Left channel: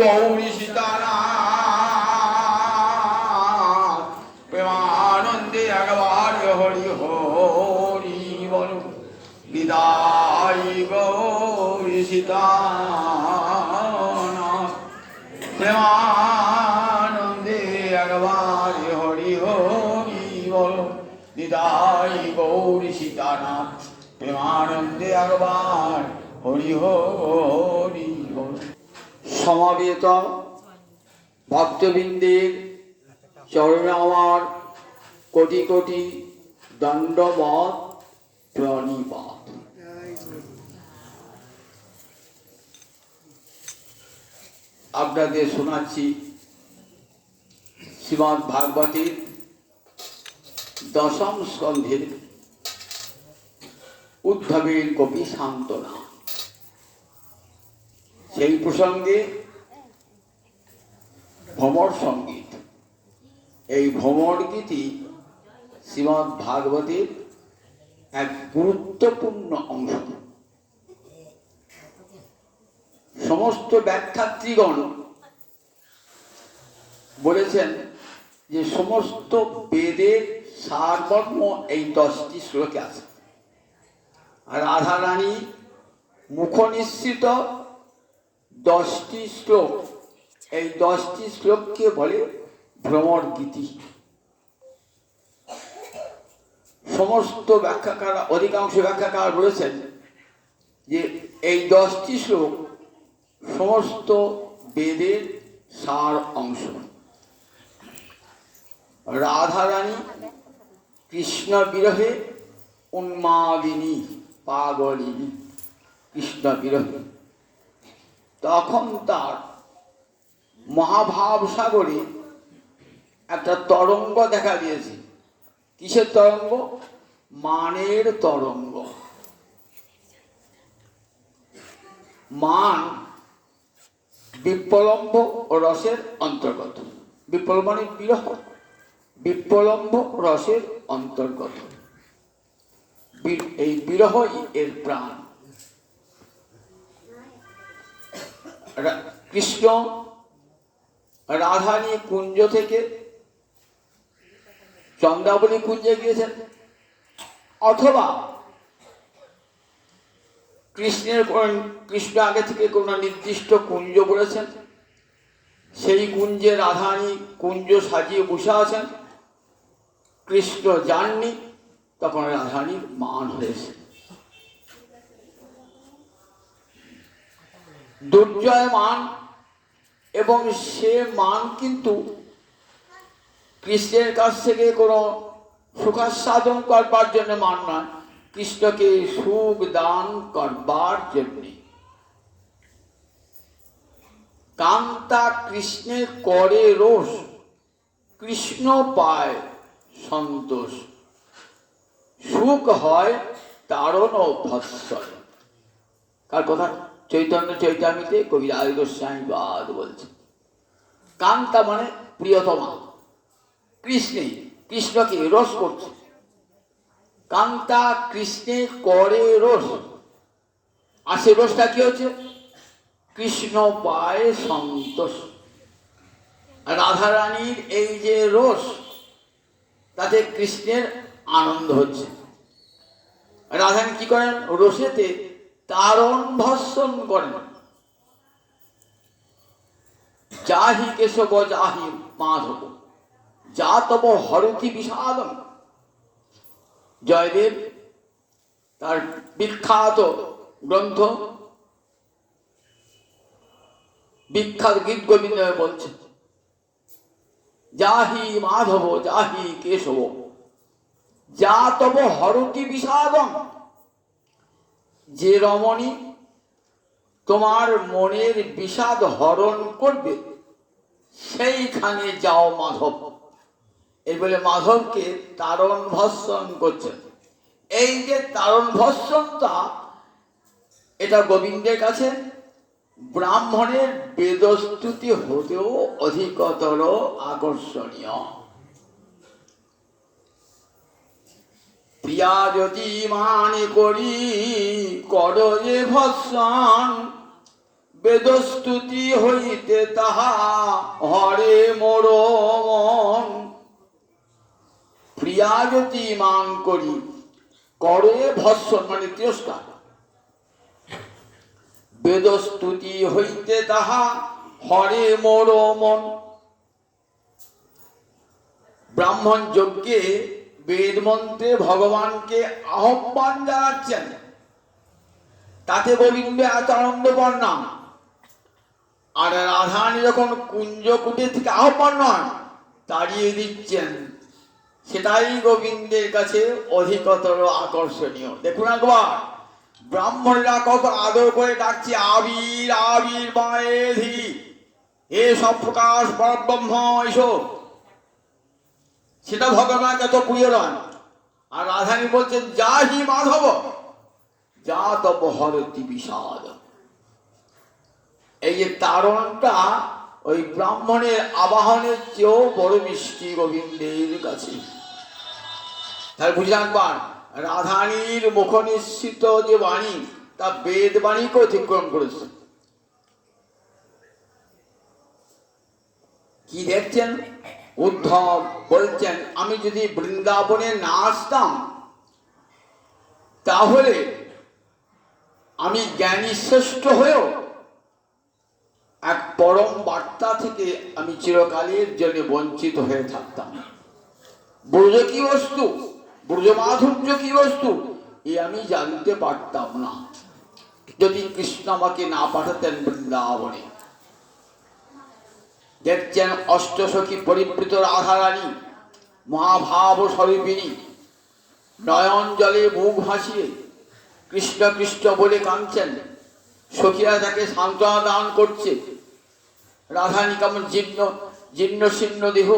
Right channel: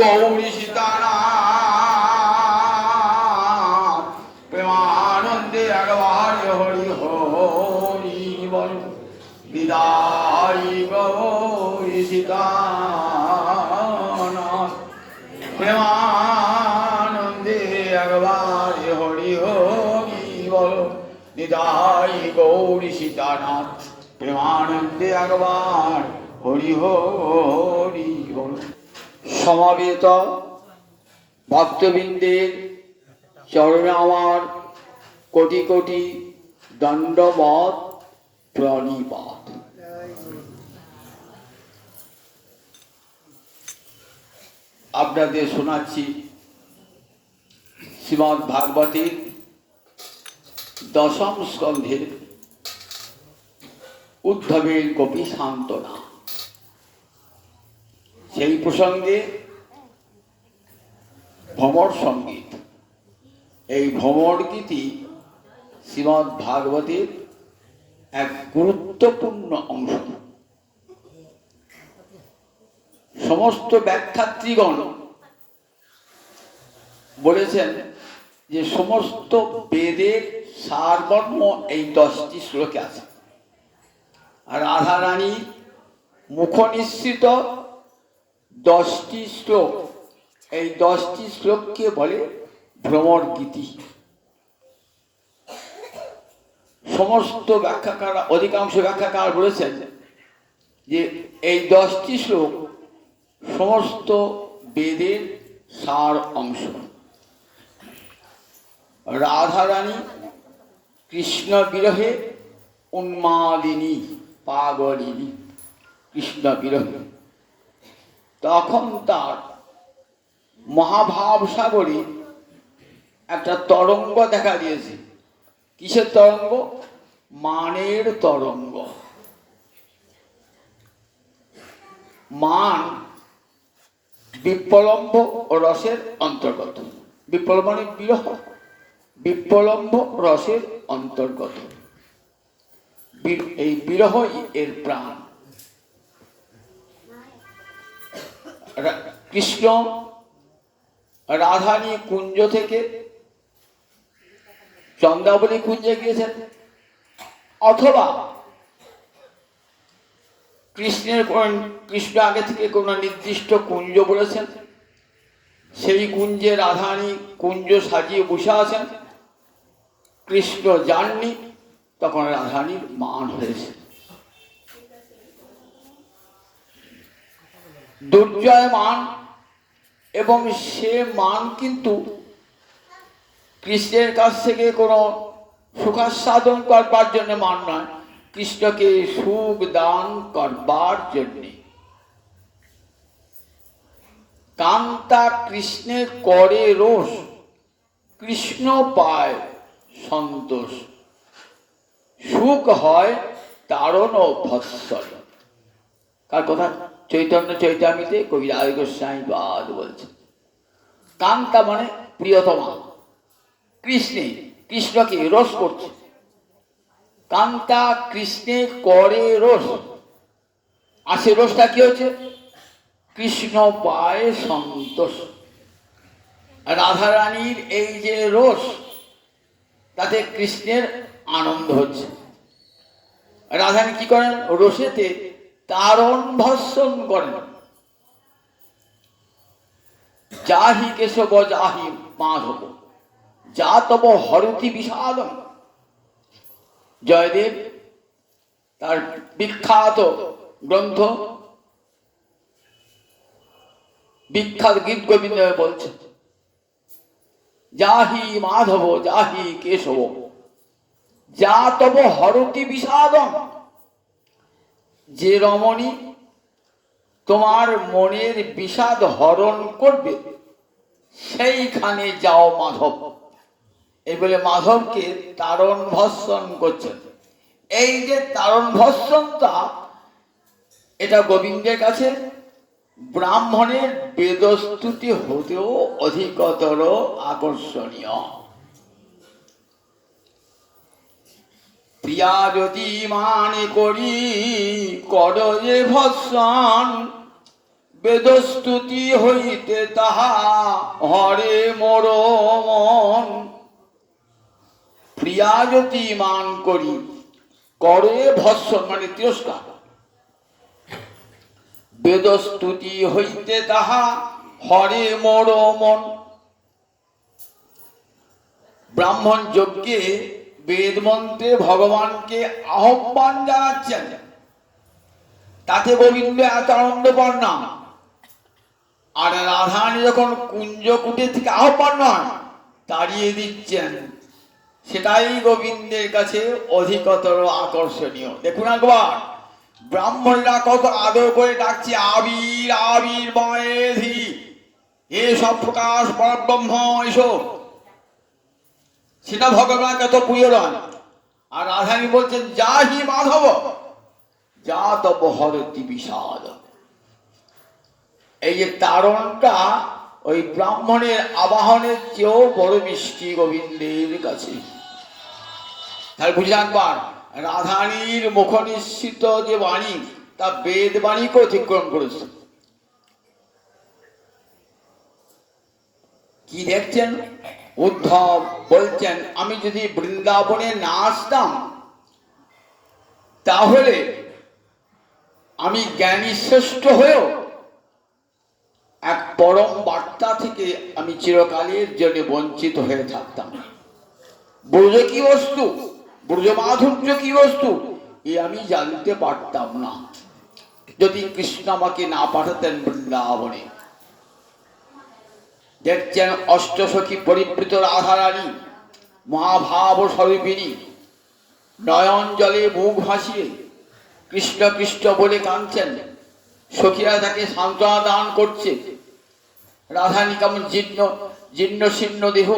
গৌরী সীতারাম প্রেমানন্দে একবার হরি হরি বল। বিদায় গৌরী সীতারাম প্রেমানন্দে একবার হরি হরি বল। বিদায় গৌরী সীতারাম প্রেমানন্দে একবার হরি হরি বল। সমাবেত ভক্তবৃন্দের চরণে আমার কোটি কোটি দণ্ডবত প্রণিপাত। আপনাদের শোনাচ্ছি শ্রীমদ্ ভাগবতের দশম স্কন্ধের উদ্ধবের গোপী সান্ত্বনা। সেই প্রসঙ্গে ভ্রমর সঙ্গীত। এই ভ্রমর গীতি শ্রীমদ্ ভাগবতের এক গুরুত্বপূর্ণ অংশ। সমস্ত ব্যাখ্যাত্রীগণ বলেছেন যে সমস্ত বেদের সারমর্ম এই 10টি শ্লোকে আছে। আর রাধারানী মুখনিসৃত 10টি শ্লোক, এই 10টি শ্লোককে বলে ভ্রমর গীতি। সমস্ত ব্যাখ্যাকার, অধিকাংশ ব্যাখ্যাকার বলেছেন যে এই 10টি শ্লোক সমস্ত বেদের সার অংশ। রাধারানী কৃষ্ণ বিরহে উন্মাদিনী, পাগলিনী, কৃষ্ণ বিরহে। তখন তার মহাভাব সাগরে একটা তরঙ্গ দেখা দিয়েছে। কিসের তরঙ্গ? মানের তরঙ্গ। মান বিপ্লম্ব রসের অন্তর্গত। বিপ্লব মানে বিরহ, বিপ্লম্ব রসের অন্তর্গত। এই বিরহই এর প্রাণ। কৃষ্ণ রাধা নিয়ে কুঞ্জ থেকে চন্দ্রাবলী কুঞ্জে গিয়েছেন, অথবা কৃষ্ণ আগে থেকে কোনো নির্দিষ্ট কুঞ্জ বলেছেন, সেই কুঞ্জে রাধারানী কুঞ্জ সাজিয়ে বসে আছেন, কৃষ্ণ যাননি, তখন রাধারানীর মান হয়েছে। দুর্জয় মান, এবং সে মান কিন্তু কৃষ্ণের কাছ থেকে কোনো সুখাস্বাদন করবার জন্য মান নয়, কৃষ্ণকে সুখ দান করবার জন্যে। কান্তা কৃষ্ণে করে রোষ, কৃষ্ণ পায় সন্তোষ, সুখ হয় তারণ ও ভৎসল। কার কথা? চৈতন্য চৈতামিতে কবি রায় গোস্বামী বাদ বলছে। কান্তা মানে প্রিয়তমা, কৃষ্ণে, কৃষ্ণকে রস করছে। কান্তা কৃষ্ণে করে রস, আর সে রসটা কি হচ্ছে? কৃষ্ণ পায় সন্তোষ। রাধারানীর এই যে রস, তাতে কৃষ্ণের আনন্দ হচ্ছে। রাধারানী কি করেন? রসেতে তারণ ভৎসন করেন। যাহি কেশব যাহি মাধব, যা তব হরতি বিষাদম। জয়দেব তার বিখ্যাত গ্রন্থ বিখ্যাত গীত গোবিন্দ বলছে, যাহি মাধব যাহি কেশব, যা তব হরতি বিষাদম। যে রমণী তোমার মনের বিষাদ হরণ করবে, সেইখানে যাও মাধব। এই বলে মাধবকে তারণ ভৎসন করছেন। এই যে তারণ ভৎসনটা, এটা গোবিন্দের কাছে ব্রাহ্মণের বেদস্তুতি হতেও অধিকতর আকর্ষণীয়। প্রিয়া যদি মানে করি কর যে ভৎসন, বেদস্তুতি হইতে তাহা হরে মোর মন, প্রিয়াজতি মান করি করে ভৎসন, মানে তিরস্কার। বেদস্তুতি হইতে তাহা হরে মোর মন। ব্রাহ্মণ যজ্ঞে বেদ মন্ত্রে ভগবানকে আহ্বান জানাচ্ছেন, তাতে গোবিন্দ এত আনন্দ পান না। আর রাধারানী যখন কুঞ্জ কুটির থেকে আহ্বান নয়, তাড়িয়ে দিচ্ছেন, সেটাই গোবিন্দের কাছে অধিকতর আকর্ষণীয়। দেখুন একবার ব্রাহ্মণরা কত আদর করে ডাকছে, আবির আবির মায়েধি, এ সব প্রকাশ পরব্রহ্ম এসো। সেটা ভগবান কত প্রিয় নয়। আর রাধারানী বলছেন, যা হি মাধব যা তব হরতি বিষাদ। এই যে তারণটা ওই ব্রাহ্মণের আবাহনের চেয়েও বড় মিষ্টি গোবিন্দের কাছে। তাহলে বুঝে রাখবার, রাধারানীর মুখ নিঃসৃত যে বাণী, তা বেদ বাণীকে অতিক্রম করেছে। কি দেখছেন? উদ্ধব বলছেন, আমি যদি বৃন্দাবনে না আসতাম, তাহলে আমি জ্ঞানী শ্রেষ্ঠ হয়েও এক পরম বার্তা থেকে আমি চিরকালের জন্য বঞ্চিত হয়ে থাকতাম। ব্রজ কি বস্তু, ব্রজ মাধুর্য কি বস্তু, এ আমি জানতে পারতাম না যদি কৃষ্ণ আমাকে না পাঠাতেন বৃন্দাবনে। দেখছেন অষ্টসখী পরিবৃত রাধারানী মহাভাব স্বরূপিণী নয়ন জলে মুখ ভাসিয়ে কৃষ্ণ কৃষ্ণ বলে কাঁদছেন। সখীরা তাকে সান্ত্বনা দান করছে। রাধারানী কেমন জীর্ণ জীর্ণ শীর্ণ দেহ,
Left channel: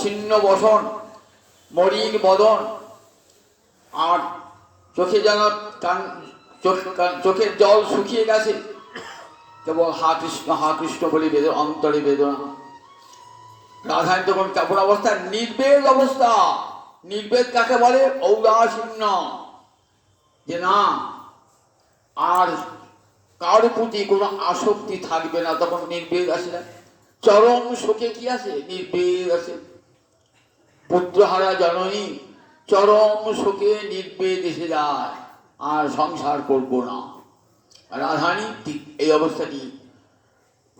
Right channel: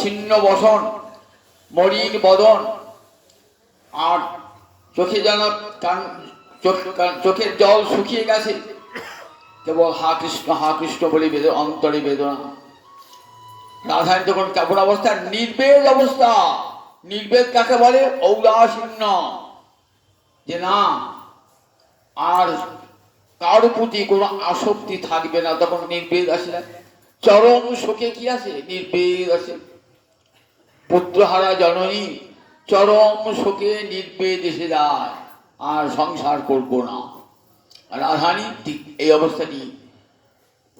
ছিন্ন বসন, মলিন বদন, আর চোখে যেন চোখের জল শুকিয়ে গেছে, কেবল হা কৃষ্ণ বলে অন্তরে বেদনা। রাধারানী তখন কেমন অবস্থা? নির্বেদ অবস্থা। নির্বেদ কাকে বলে? ঔদাসীন্য, যে না আর কার প্রতি কোনো আসক্তি থাকবে না, তখন নির্বেদ আসে না। চরম শোকে কি আছে? নির্বেদ আছে। পুত্রহারা জননী চরম শোকে নির্বেদ এসে যায়, আর সংসার করবো না। রাধারানী ঠিক এই অবস্থাটি,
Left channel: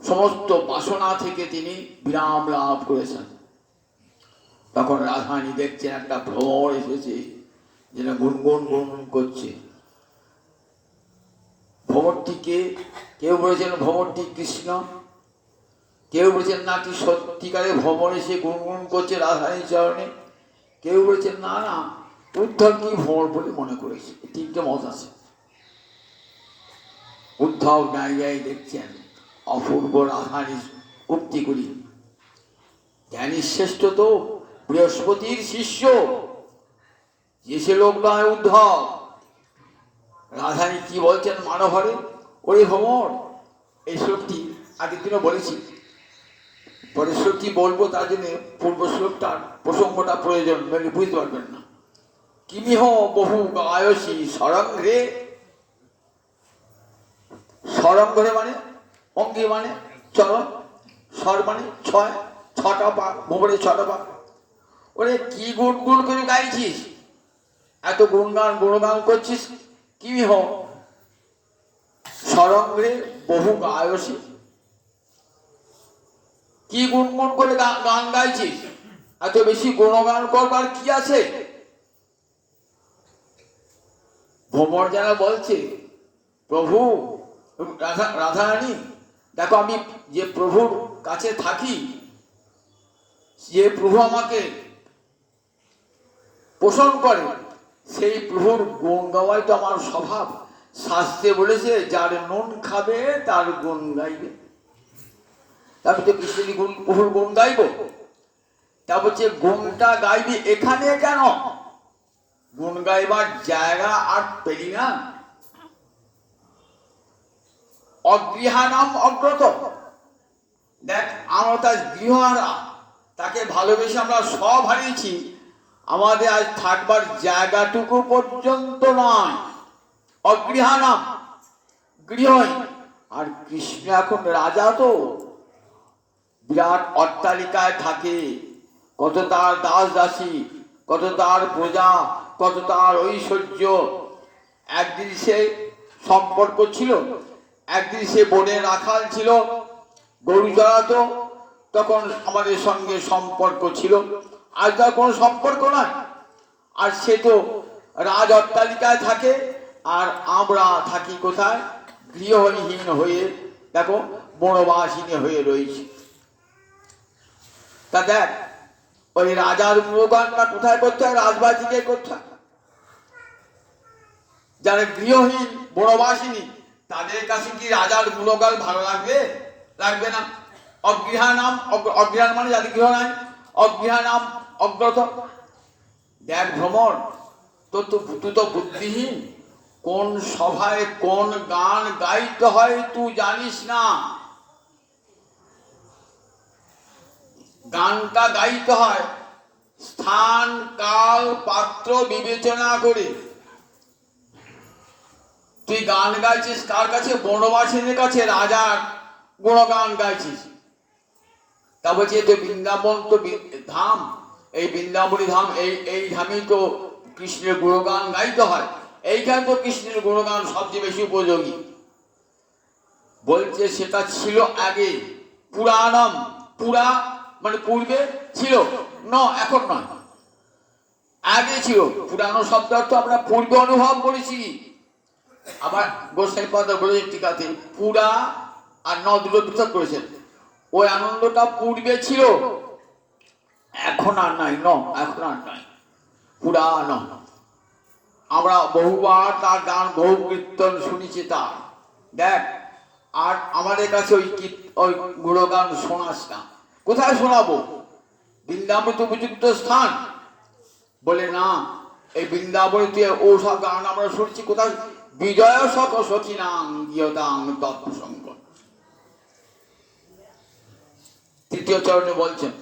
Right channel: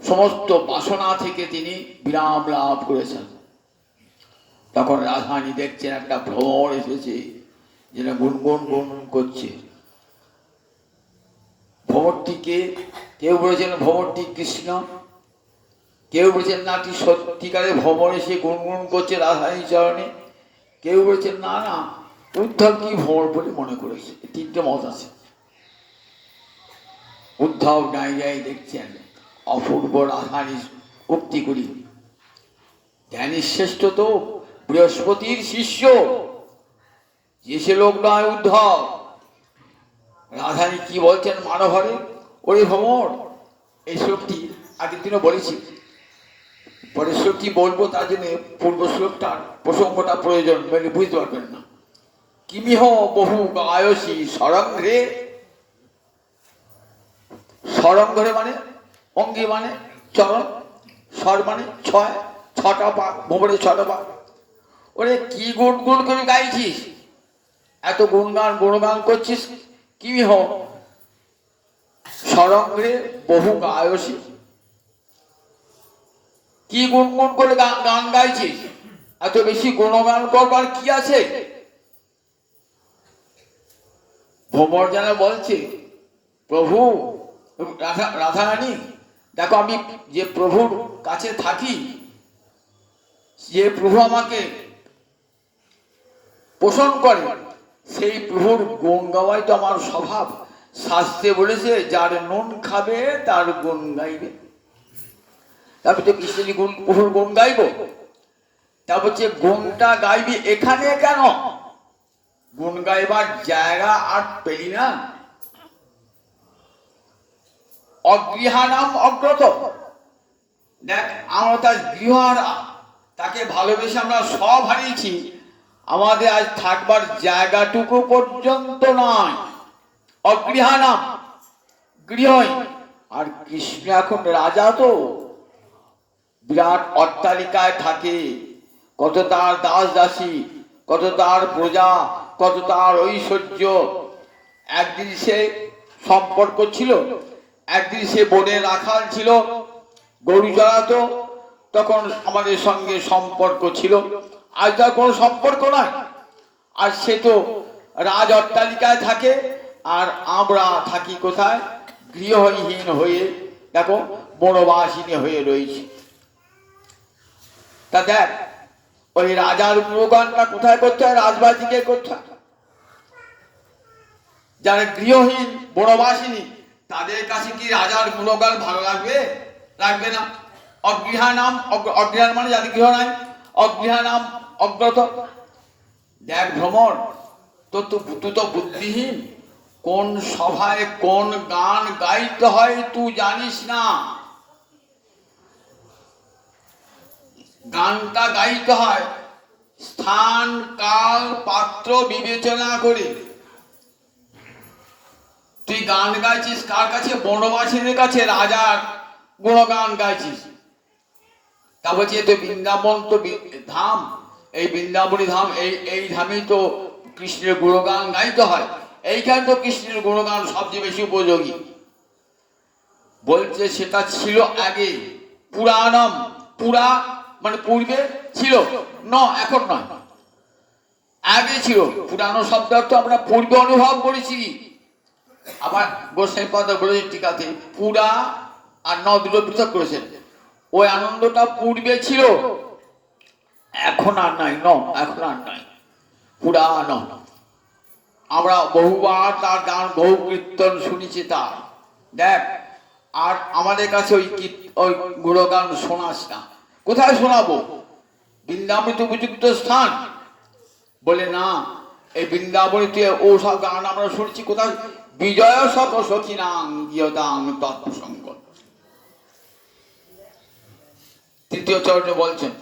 সমস্ত বাসনা থেকে তিনি বিরাম লাভ করেছেন। তখন রাধারানী দেখছেন একটা ভ্রমর এসেছে, যেটা গুনগুন গুনগুন করছে। ভ্রমরটিকে কেউ বলেছেন ভ্রমরটি কৃষ্ণ, কেউ বলেছেন না কি সত্যিকারে ভ্রমর এসে গুনগুন করছে রাধারানীর চরণে, কেউ বলেছেন না না উদ্ধব কি ভ্রমর বলে মনে করেছে। তিনটে মত আছে। উদ্ধব নাই যাই দেখছেন অপূর্ব রাধারানীর উক্তি করি, জ্ঞানী শ্রেষ্ঠ তো বৃহস্পতির শিষ্য, যে সে লোক নয় উদ্ধব। রাধারানী কি বলছেন মানভরে? ওই ভ্রমর, এই শ্লোকটি আগের দিনও বলেছি, পরের শ্লোকটি বলবো, তার জন্য পূর্ব শ্লোকটার প্রসঙ্গটা প্রয়োজন, বুঝতে পারবেন না। কিমিহ বহু গায়সী সরঙ্ঘে, সরঙ্ঘে মানে অঙ্গে মানে চরণ, স্বর মানে ছয়, ছটা পা, ভ্রমণের ছটা পা। ওরে কি গুনগুন করে গাইছিস, এত গুণগান করছিস? কিমিহ সরঙ্ঘে বহু গায়সী, কি গুনগুন করে গান গাইছিস? এত বেশি গুণগান করবার কি আছে? ভ্রমর যেন বলছে, প্রভু রাধারানী দেখো, আমি যে প্রভুর কাছে থাকি, যে প্রভু আমাকে পোষণ করে, সেই প্রভুর গুণ গাওয়াই তো আমার স্বভাব। শাস্ত্রে বলেছে, যার নুন খাবে তার গুণ গাইবে। তারপর তো কৃষ্ণজি গুণ, প্রভুর গুণ গাইব। তারপর যে গুণটা গাইবি এখানে কেন? গুণ গাইবার জায়গা আর পেলি না? অগৃহানাম অগ্রত। দেখ, আমরা তার গৃহহারা, তাকে ভালোবেসে আমরা সব হারিয়েছি, আমাদের আজ থাকবার জায়গাটুকু পর্যন্ত নয়। অগৃহানাম গৃহহীন। আর কৃষ্ণ এখন রাজা, তো বিরাট অট্টালিকায় থাকে, কত তার দাস দাসী, কত তার প্রজা, কত তার ঐশ্বর্য। একদিন সে সম্পর্ক ছিল, একদিন সে বনের রাখাল ছিল, গরু চড়াতো, তখন আমাদের সঙ্গে সম্পর্ক ছিল। আজ তার কোনো সম্পর্ক নয়। আর সে তো রাজ অট্টালিকায় থাকে, আর আমরা থাকি কোথায়? গৃহহীন হয়ে, দেখো বনবাসিনী হয়ে রয়েছি। তা দেখ, ওই রাজার গুণগানটা কোথায় করতে হয়? রাজবাড়িকে করতে হয়। যারা গৃহহীন বনবাসিনী, তাদের কাছে কি রাজার গুণগান ভালো লাগবে? লাগবে না। অগৃহানাম, অগৃহান মানে যাদের গৃহ নাই, অগৃহানাম অগ্রত। দেখ ভ্রমর, তুই তো বুদ্ধিহীন। কোন সভায় কোন গান গাইতে হয় তুই জানিস না। গানটা গাইতে হয় স্থান কাল পাত্র বিবেচনা করে। তুই গান গাইছিস কার কাছে? বনবাসীদের কাছে রাজার গুণগান গাইছিস। তা বলছে তো বৃন্দাবন তো ধাম, এই বৃন্দাবনী ধাম, এই ধামেই তো কৃষ্ণের গুণগান গাইতে হয়। এইখানে তো কৃষ্ণের গুণগান সবচেয়ে বেশি উপযোগী। বলছে সেটা ছিল আগে, পুরাণম, পুরা মানে পূর্বে ছিল, এখন নয়, আগে ছিল। পুরানো শব্দ অর্থ আমরা পূর্বে অনুভব করেছি। আবার গোসাই পদ বলেছেন টিকাতে, পুরা আর দুটো পৃথক করেছেন। ওই আনন্দটা পূর্বে ছিল, এখন আর নাই, এখন আর নাই, পুরানো। আমরা বহুবার তার গান, বহু কীর্তন শুনেছি তার। দেখ, আর আমাদের কাছে ওই গুণগান শোনাস না। কোথায় শোনাবো? বৃন্দাবন তো উপযুক্ত স্থান। বলে না, এই বৃন্দাবনীতে ও সব গান আমরা শুনছি কোথায়? বিজয় সখ সখিনাং গিয়তাং তৎপ্রসঙ্গ। তৃতীয় চরণে বলছেন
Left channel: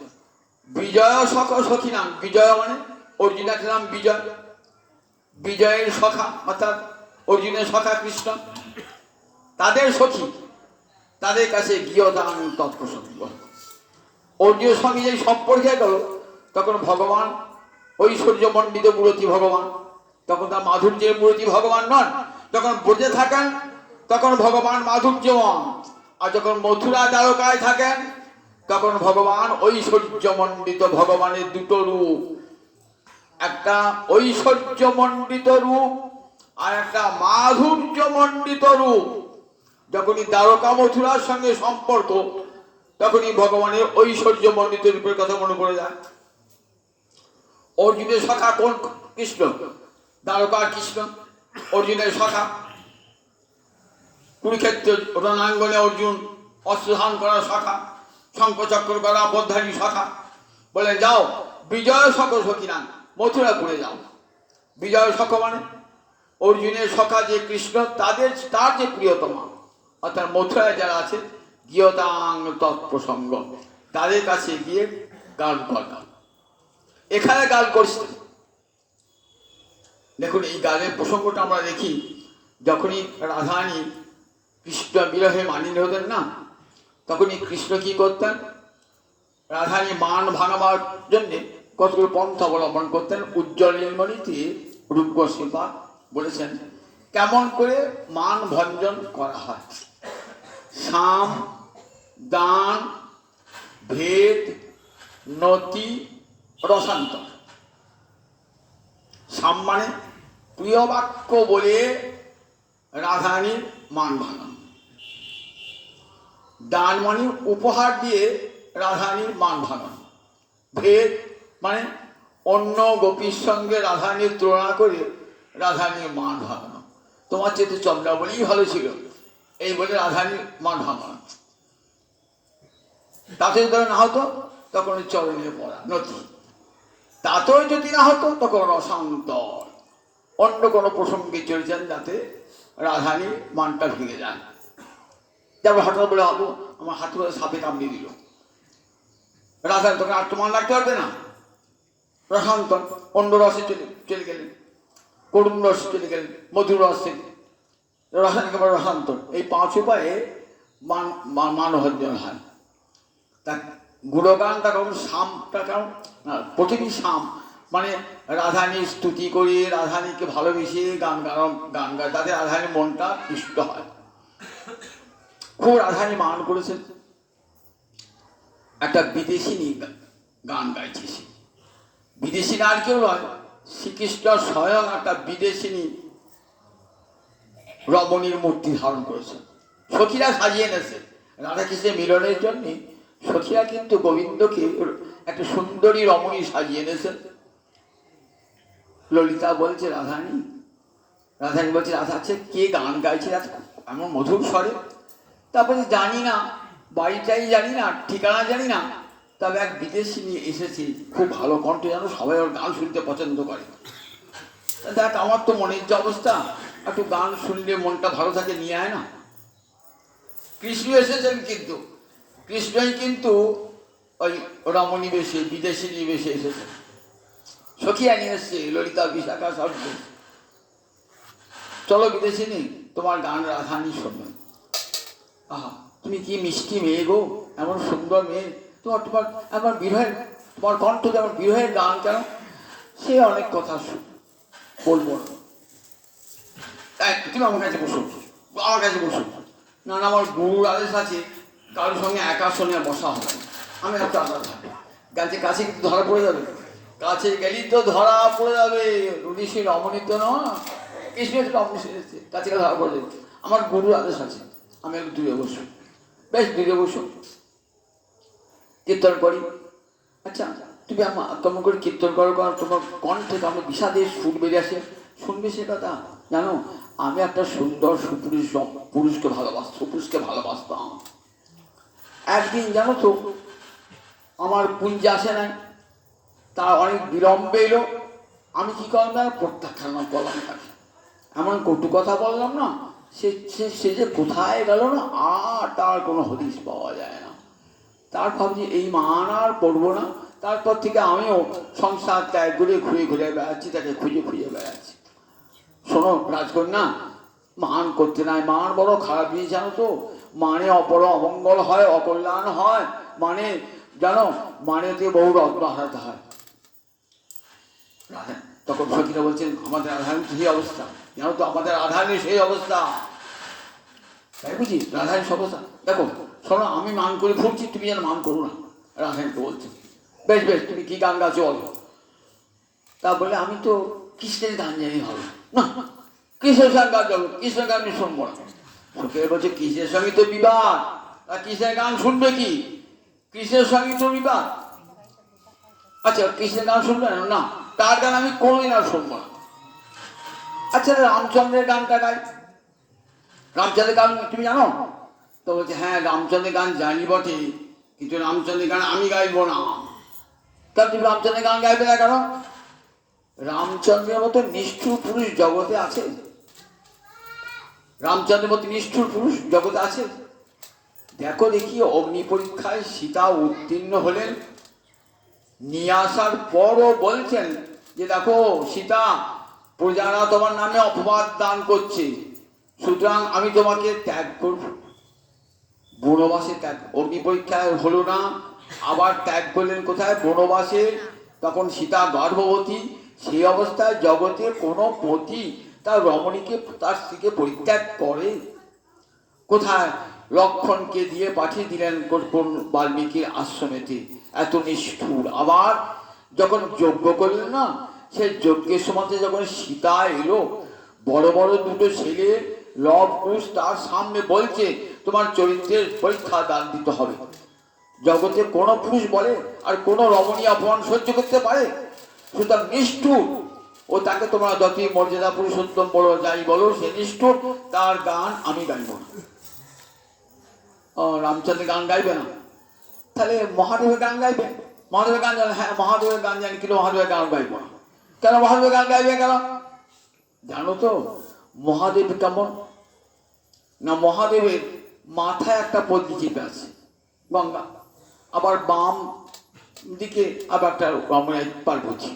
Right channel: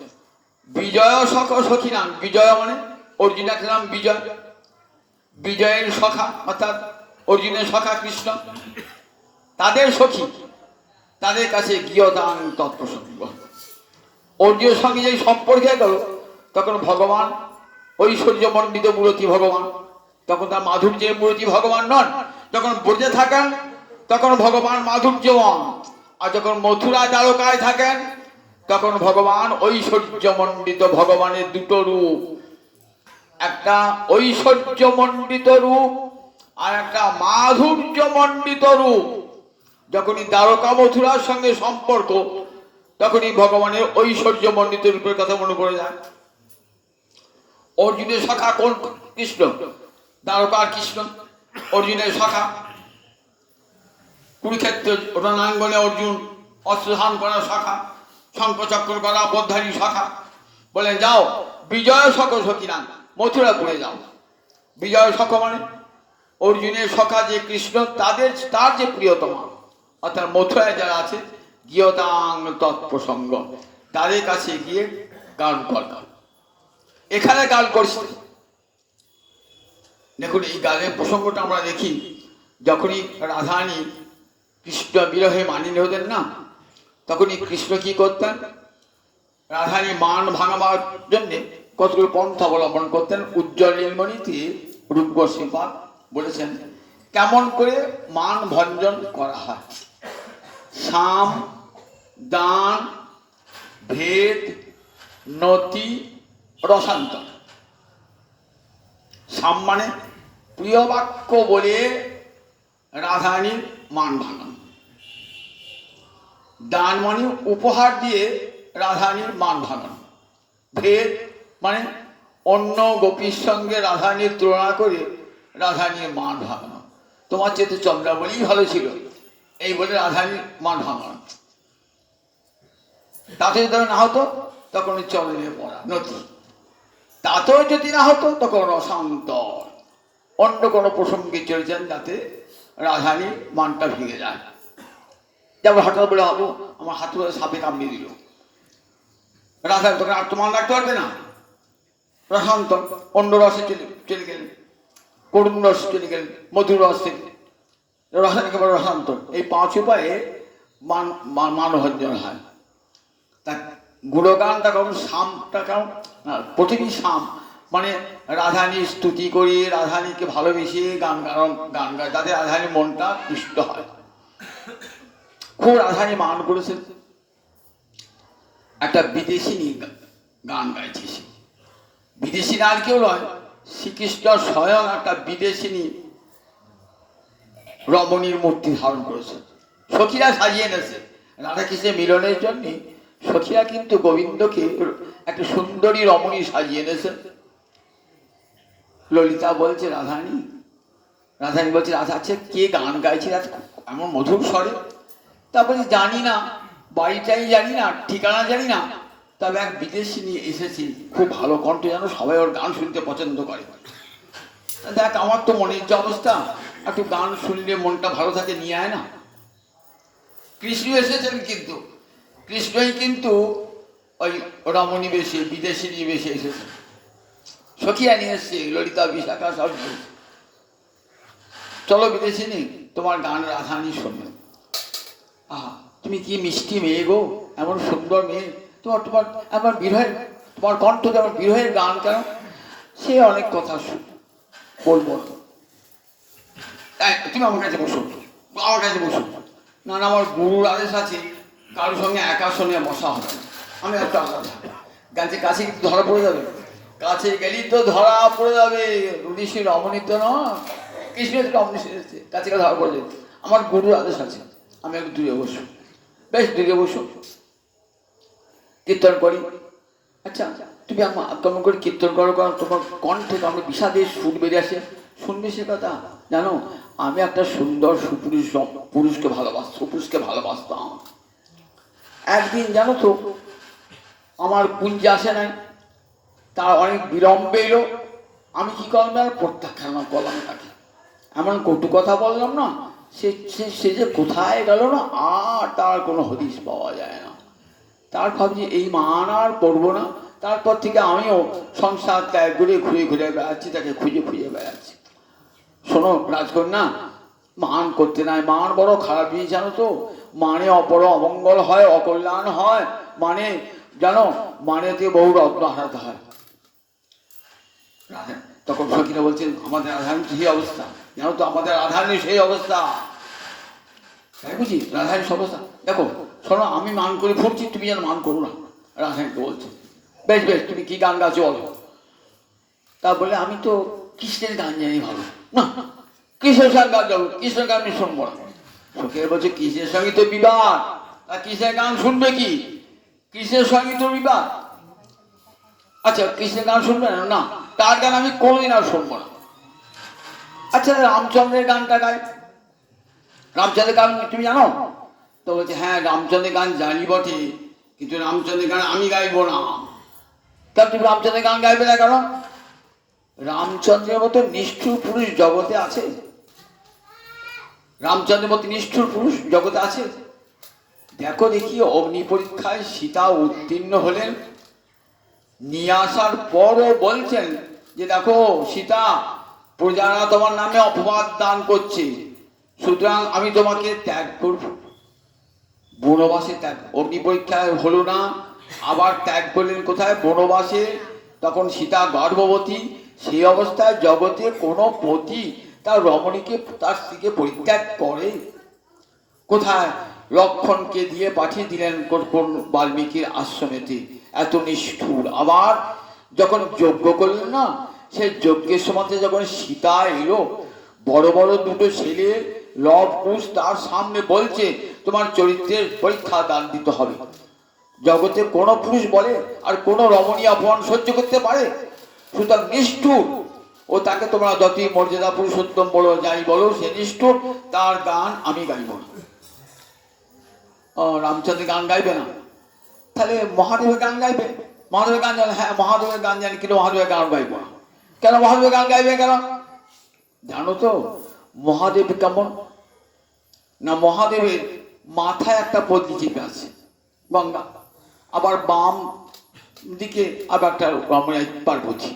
বিজয় সখ সখিনাং। বিজয় মানে অর্জুনের নাম বিজয়, বিজয়ের সখা অর্থাৎ অর্জুনের সখা কৃষ্ণ, তাদের সখী, তাদের কাছে গিয়তাং তৎপ্রসঙ্গ। অর্জুনের সঙ্গে যে সম্পর্কে গেল, তখন ভগবান ঐশ্বর্যমণ্ডিত মূরতি ভগবান, তখন তার মাধুর্যের মূরতি ভগবান নন। যখন ব্রজে থাকেন তখন ভগবান মাধুর্যমন, আর যখন মথুরা দ্বারকায় থাকেন তখন ভগবান ঐশ্বর্যমণ্ডিত। ভগবানের দুটো রূপ, একটা ঐশ্বর্যমণ্ডিত রূপ আর একটা মাধুর্যমণ্ডিত রূপ। যখনই দ্বারকা মথুরার সঙ্গে সম্পর্ক, তখনই ভগবানের ঐশ্বর্যমণ্ডিত রূপের কথা মনে পড়ে যায়। অর্জুনের শাখা কোন? কৃষ্ণ, দ্বারকার কৃষ্ণ অর্জুনের শাখা। কুরুক্ষেত্র রণাঙ্গনে অর্জুন অস্ত্রধান করার শাখা, শঙ্খচক্র করা বোধারী শাখা। বলে যাও বিজয় সখ সখিনাং, মথুরাপুরে যাও। বিজয় সখ মানে অর্জুনের সখা যে কৃষ্ণ, তার যে প্রিয়তমা, অর্থাৎ মথুরায় যারা আছে, গিয়তাং তৎপ্রসঙ্গ, তাদের কাছে গিয়ে গান করতাম। এখানে গান করছে। দেখুন, এই গানের প্রসঙ্গটা আমরা দেখি, যখনই রাধারানী কৃষ্ণ বিরহে মানিনী হতেন না, তখনই কৃষ্ণ কি করতেন? রাধারানী মান ভাঙাবার জন্যে কতগুলো পন্থা অবলম্বন করতেন। উজ্জ্বল নীলমণিতে রূপ গোস্বামী বলেছেন কেমন করে মান ভঞ্জন করা হয়। সাম, দান, ভেদ, নতি, রসান্তর। সাম মানে প্রিয় বাক্য বলে রাধারানীর মান ভাঙানো। দান মানে উপহার দিয়ে রাধারানীর মান ভাঙানো। ভেদ মানে অন্য গোপীর সঙ্গে রাধারানীর তুলনা করে রাধারানীর মান ভাঙানো। তোমার চেয়ে তো চন্দ্রাবলীই ভালো ছিল, এই বলে রাধারানীর মান ভাঙানো। তাতে যদি না হতো তখন চরণে পড়া নতি, তাতেও যদি না হতো তখন রসান্তর, অন্য কোনো প্রসঙ্গে চলেছেন যাতে রাধারানীর মানটা ভেঙে যায়। যেমন হঠাৎ বলে হবো আমার হাতে করে সাপে কামড়িয়ে দিল, রাধা তখন আর তো মান রাখতে পারবে না। রসান্তর, অন্য রসে চলে গেলেন, করুণ রস চলে গেলেন, মধুর রস থেকে। রসায়নিক বড় রসান্তর, এই 5 উপায়ে মানভঞ্জন হয়। তা গুণগানটা কেমন, শামটা কেমন, প্রতিদিন শাম মানে রাধারানীর স্তুতি করি, রাধারানীকে ভালোবেসে গান গায়, যাতে রাধারানীর মনটা পুষ্ট হয়। খুব রাধারানী মান করেছেন। একটা বিদেশি গান গাইছে, সে বিদেশি আর কেউ নয়, শ্রীকৃষ্ণ স্বয়ং একটা বিদেশিনী রমণীর মূর্তি ধারণ করেছে, সখীরা সাজিয়ে এনেছে রাধাকৃষ্ণের মিলনের জন্য। সখীরা কিন্তু গোবিন্দকে একটা সুন্দরী রমণী সাজিয়ে এনেছে। ললিতা বলছে রাধারানী বলছে রাধা, আছে কে গান গাইছে এমন মধুর স্বরে? তারপরে জানি না, বাড়িটাই জানি না, ঠিকানা জানি না, তবে এক বিদেশি নিয়ে এসেছি, খুব ভালো কণ্ঠ, যেন সবাই ওর গান শুনতে পছন্দ করে। দেখ, আমার তো মনের যে অবস্থা, একটু গান শুনলে মনটা ভালো থাকে, নিয়ে আয় না। কৃষ্ণ এসেছেন, কিন্তু কৃষ্ণই কিন্তু ওই রমণী বেশে, বিদেশি নিয়ে বেশে এসেছেন। সখিয়া নিয়ে এসছে, ললিতা বিশাখা সব। চলো বিদেশি নি, তোমার গান রাধারানী শোনে। আহা, তুমি কি মিষ্টি মেয়ে গো, এমন সুন্দর মেয়ে, তোমার এমন বিরহের, তোমার কণ্ঠ যেমন বিরহের গান কেন? সে অনেক কথা বলবো, তুমি আমার কাছে বসো, আমার কাছে বসো। না না, আমার গুরুর আদেশ আছে, কারোর সঙ্গে একা সঙ্গে বসা হবে না, আমি একটা আলাদা। কাছে কিন্তু ধরা পড়ে যাবে, কাছে গেলেই তো ধরা পড়ে যাবে। ঋষি রমণী তো নয়, কৃষ্ণের রমণী এসেছে, কাছে ধরা পড়ে যাবে। আমার গুরুর আদেশ আছে, আমি একটু দূরে বসো। বেশ, দূরে বসো, কীর্তন করি। আচ্ছা, তুমি কেমন করে কীর্তন করো, কারণ তোমার কণ্ঠে কেমন বিষাদের সুর বেরিয়ে আসে, শুনবে সে কথা। জানো, আমি একটা সুন্দর পুরুষকে ভালোবাসতাম। একদিন জানো তো, আমার কুঞ্জে আসে নাই, তার অনেক বিলম্বে এলো। আমি কি করলাম, প্রত্যাখ্যান করলাম তাকে, এমন কটু কথা বললাম না, সে যে কোথায় গেল না, আর তার কোনো হদিশ পাওয়া যায় না। তার ভাবছি এই মান আর পড়বো না। তারপর থেকে আমিও সংসার ত্যাগ করে ঘুরে বেড়াচ্ছি, তাকে খুঁজে বেড়াচ্ছি। শোনো রাজকন্যা, মান করতে নাই, মান বড় খারাপ জিনিস জানো তো। মানে বড় অমঙ্গল হয়, অকল্যাণ হয়। মানে জানো, মানেতে বহু রত্ন হারাতে হয়। তখন সখীরা বলছেন, আমাদের রাধারানীর সেই অবস্থা, জানো তো, আমাদের রাধারানীর সেই অবস্থা। তাই বুঝি রাধারানীর অবস্থা দেখো। শোনো, আমি মান করে ফুটছি, তুমি যেন মান করো না, রাধারানীকে বলছো। বেশ, তুমি কি গান গাছো বলো। তা বলে, আমি তো কৃষ্ণের গান জানি ভালো। না, কৃষ্ণের গান যাবো, কৃষ্ণের গান আমি শুনবো না। সখীরা বলছে, কৃষ্ণের সঙ্গে তো বিবাদ, তা কৃষ্ণের গান শুনবে কি? কৃষ্ণের সঙ্গে তো বিবাদ। আচ্ছা, কৃষ্ণের গান শুনবে না, তার গান আমি কোনোদিন আর শুনবো না। আচ্ছা, রামচন্দ্রের গানটা গাই। রামচন্দ্রের গান তুমি জানো তো? বলছে, হ্যাঁ, রামচন্দ্রের গান জানি বটে, কিন্তু রামচন্দ্রের গান আমি গাইবো না। তা তুমি রামচন্দ্রের গান গাইবে না কেন? রামচন্দ্রের মতো নিষ্ঠুর পুরুষ জগতে আছে? রামচন্দ্রের মতো নিষ্ঠুর পুরুষ জগতে আছে? দেখো দেখি, অগ্নি পরীক্ষায় সীতা উত্তীর্ণ হলেন, নিয়ে আসার পরও বলছেন যে দেখো সীতা, প্রজারা তোমার নামে অপবাদ দান করছে, সুতরাং আমি তোমাকে ত্যাগ করব। বনবাসে ত্যাগ, অগ্নি পরীক্ষায় হলো না, আবার ত্যাগ করলেন কোথায়? বনবাসে। তখন সীতা গর্ভবতী, সেই অবস্থায় জগতে কোনো পতি তার রমণীকে, তার স্ত্রীকে পরিত্যাগ করে? কোথায়? লক্ষণকে দিয়ে পাঠিয়ে দিলেন বাল্মীকির আশ্রমেতে। এত নিষ্ঠুর। আবার যখন যজ্ঞ করলেন না, সেই যজ্ঞের সময় যখন সীতা এলো, বড় বড় দুটো ছেলে লব কুশ তার সামনে বলছে, তোমার চরিত্রের পরীক্ষা দান দিতে হবে। জগতে কোনো পুরুষ বলে আর কোনো রমণী অপমান সহ্য করতে পারে? সুতরাং নিষ্ঠুর। ও তাকে তোমরা যতই মর্যাদা পুরুষোত্তম বলো, যাই বলো, সে নিষ্ঠুর, তার গান আমি গাইব না। রামচন্দ্রের গান গাইবে না, তাহলে মহাদেবের গান গাইবে? মহাদেবের গান জানে? হ্যাঁ, মহাদেবের গান জানি, কিন্তু মহাদেবের গান গাইব না। কেন মহাদেবের গান গাইবে কেন? জানো তো মহাদেব কেমন না? মহাদেবের মাথায় একটা বদ্রি চেপে আছে, গঙ্গা, আবার বাম দিকে আবার একটা রমণী পার্বতী,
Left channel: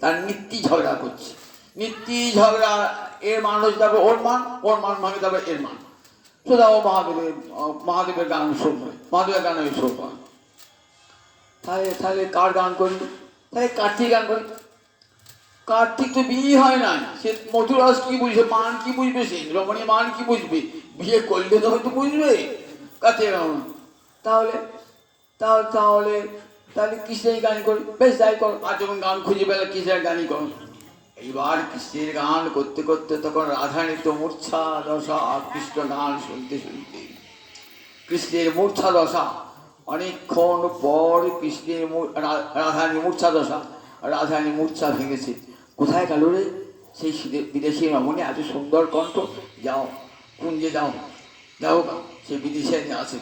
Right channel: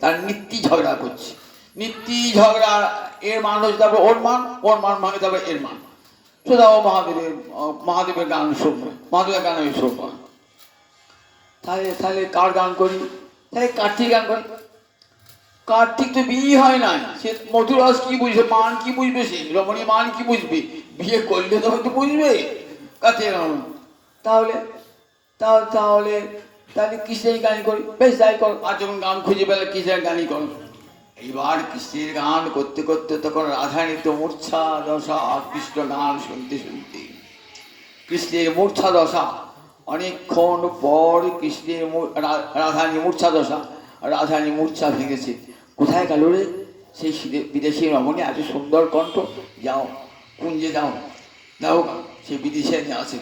তার নিত্যি ঝগড়া করছে। নিত্যি ঝগড়া, এর মান হচ্ছে তারপর ওর মান, ওর মান ভাঙে তারপরে এর মান। শুধাও মহাদেবের গান শুনবো, মহাদেবের গান আমি শুনবো। তাহলে তাহলে কার গান করি? তাহলে কার্তিক গান করি। কার্তিক তো বিয়ে হয় না, সে মধুরস কি বুঝবে, মান কি বুঝবে, সে রমণী মান কি বুঝবে? বিয়ে করলে তো হয়তো বুঝবে কার্তিক। তাহলে তাহলে তাহলে তাহলে কৃষ্ণের গান করি। বেশ তাই কর। আর যখন গান খুঁজে পেলে কৃষ্ণের গানই কর। এইবার কৃষ্ণের গান করতে করতে তখন রাধারানীর তো মূর্ছা দশা, কৃষ্ণ গান শুনতে শুনতে কৃষ্ণের মূর্ছা দশা। অনেকক্ষণ পর কৃষ্ণের রাধারানী মূর্ছা দশা, রাধারানী মূর্ছা ভেঙেছে। কোথায় গেল রে সেই বিদেশি রমণী, এত সুন্দর কণ্ঠ? যাও কুঞ্জে যাও, যাও সে বিদেশে নিয়ে আসে।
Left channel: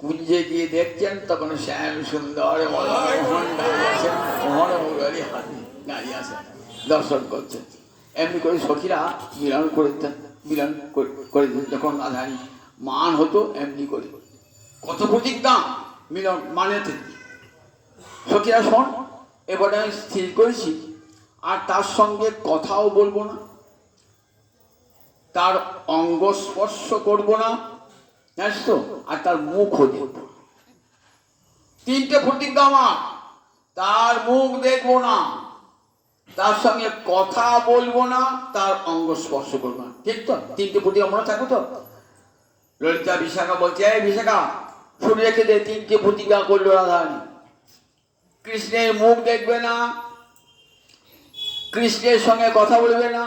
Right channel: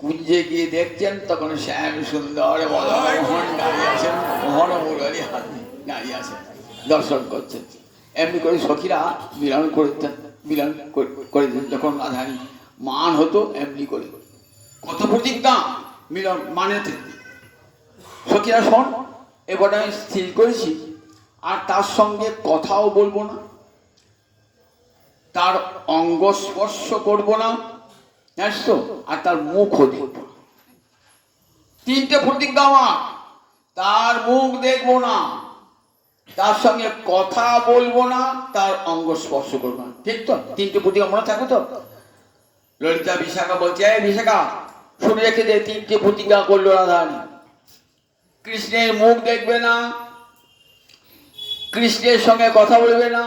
কুঞ্জে গিয়ে দেখছেন তখন শ্যাম সুন্দর মোহন দাঁড়িয়ে আছেন, মোহন মুরলী দাঁড়িয়ে আছেন, দর্শন করছেন। এমনি করে সখীরা মিলন করতেন, মিলন করে দিতেন। যখন রাধারানী মান হতো এমনি করে কত প্রতিজ্ঞা মিলন মানেতে। সখীরা শোন, এবার আমি স্থির করেছি আর তার সঙ্গে কথাও বলবো না, তার অঙ্গ স্পর্শ করবো না, জানিস তো, আর তার মুখও দেখব। তিনটে প্রতিজ্ঞা আমার। তার মুখ দেখবো না, তার সঙ্গে কথা বলবো না, তার অঙ্গ স্পর্শ করবো না। ঠিক তো? তিনটে প্রতিজ্ঞা মনে থাকে তো? ললিতা বিশাখা বলছে, এই বিশাখা শুনে রেখে দে, তিনটে প্রতিজ্ঞা করলো রাধারানী। কৃষ্ণের মুখ দেখবে না, কৃষ্ণের সঙ্গে কথা বলবে না,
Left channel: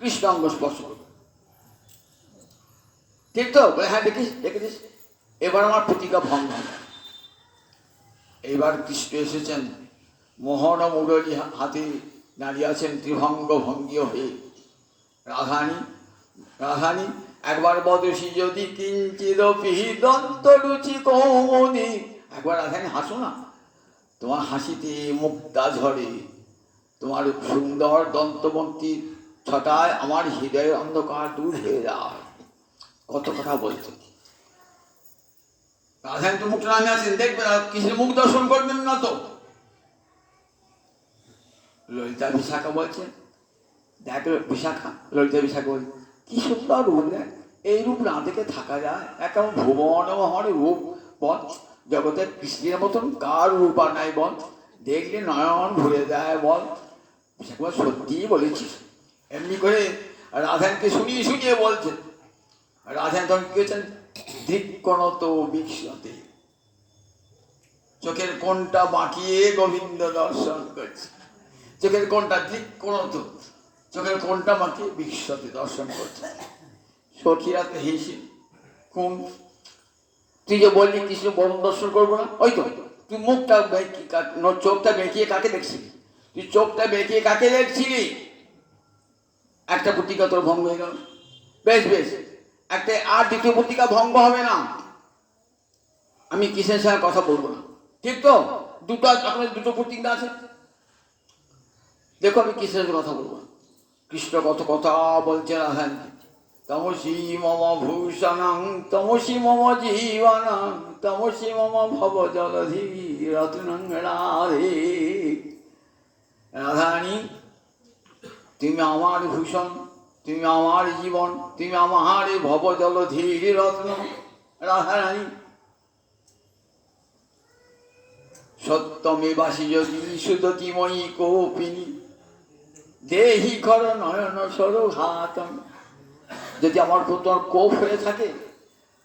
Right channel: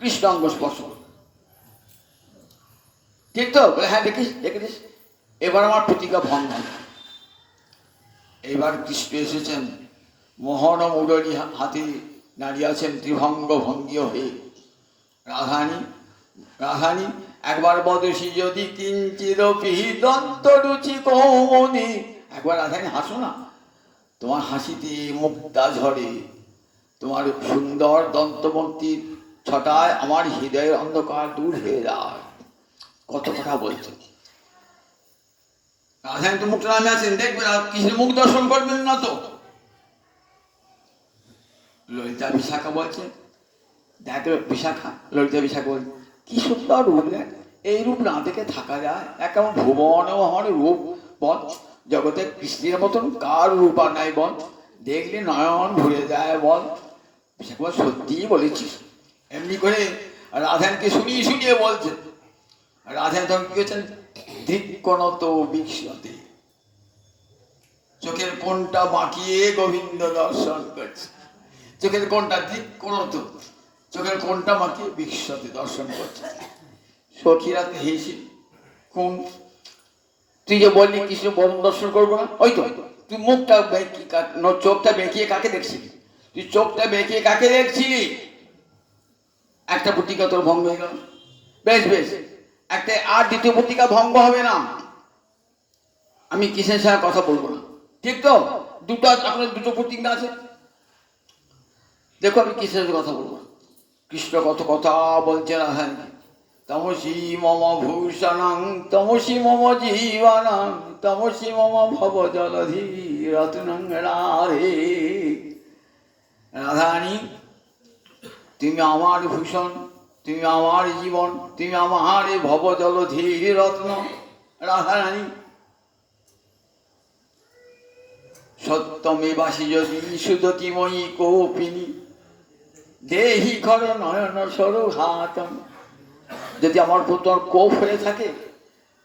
কৃষ্ণ অঙ্গ স্পর্শ করবে। ঠিক তো? হ্যাঁ দেখিস, দেখেছিস। এবার আমার প্রতিজ্ঞা ভঙ্গ। এইবার কৃষ্ণ এসেছেন, মোহন মুরলী হাতে দাঁড়িয়ে আছেন ত্রিভঙ্গ ভঙ্গীয় হয়ে। রাধারানী রাধারানী একবার বদসি যদি কিঞ্চিদপি দন্ত রুচি কৌমনি। একবার রাধারানী হাসো না, তোমার হাসিতে মুক্তা ঝরে, তোমার সুন্দর দন্তমূর্তির ছটায় আমার হৃদয়ের অন্ধকার দূর হয়ে যায়। কত কথা বলছে। রাধারানী তো মুখটা নামে আছেন, দেখবেন আর কৃষ্ণের মুখ দর্শন করবেন না তো। ললিতা বিশাখা বলছে, দেখ বিশাখা, ললিতা বিশাখা বলছে, কি সুন্দর রূপ দেখ, এই রূপ না দেখে থাকা যায়? একেবারে ভুবন হর রূপ বল, জগতে কৃষ্ণের মতন কার রূপ আর নাই বল, দেখলে নয়ন ভরে যায় বল। বিশাখা সত্যিই বলেছিস। এমনি করে রাধারানীকে শুনিয়ে শুনিয়ে বলছেন। রাধারানী তখন কি হচ্ছেন, ধিক্কণত বিক্ষতে, চোখের কোণটা বাঁকিয়ে গোবিন্দ দর্শন করছে। চোখের কোণটা ধিক্কণত, চোখের কোণটা বাঁকিয়ে বিক্ষতে দর্শন করছে। সখীরা তো হেসে, কোন তুই যে বললি কৃষ্ণ বরণ দর্শন করবো না, ওই তো তুই মুখটা চোখটা বেঁকিয়ে কাকে দেখছিলি? তুই চোখটা বেঁকিয়ে কাকে দেখছিলি? একটা প্রতিজ্ঞা তোর ভঙ্গ হয়ে গেল। বেশ বেশ, একটা আর দ্বিতীয় প্রতিজ্ঞা ভঙ্গ হবে না, আমি কৃষ্ণের সাথে কথা বলবো না। ঠিক তো? দুটো আপনার দুটো প্রতিজ্ঞা আছে। দেখো আমি কৃষ্ণের সাথে কথা বলবো না। কৃষ্ণ কত কথা বলছে রাধারানী। তমসি মম ভূষণং তমসি মম জীবনং তমসি মম ভব জলধি রত্নং রাধে। রাধারানী তুমি আমার ভূষণ, তুমি আমার জীবন, তুমি আমার ভব জলধি রত্ন। রাধারানী সত্যমে বাসি যদি সুদতিময়ী কৌপিনী দেহি কর নয়ন সরঘাতম। যদি আমার তোমার কোপ হয়ে থাকে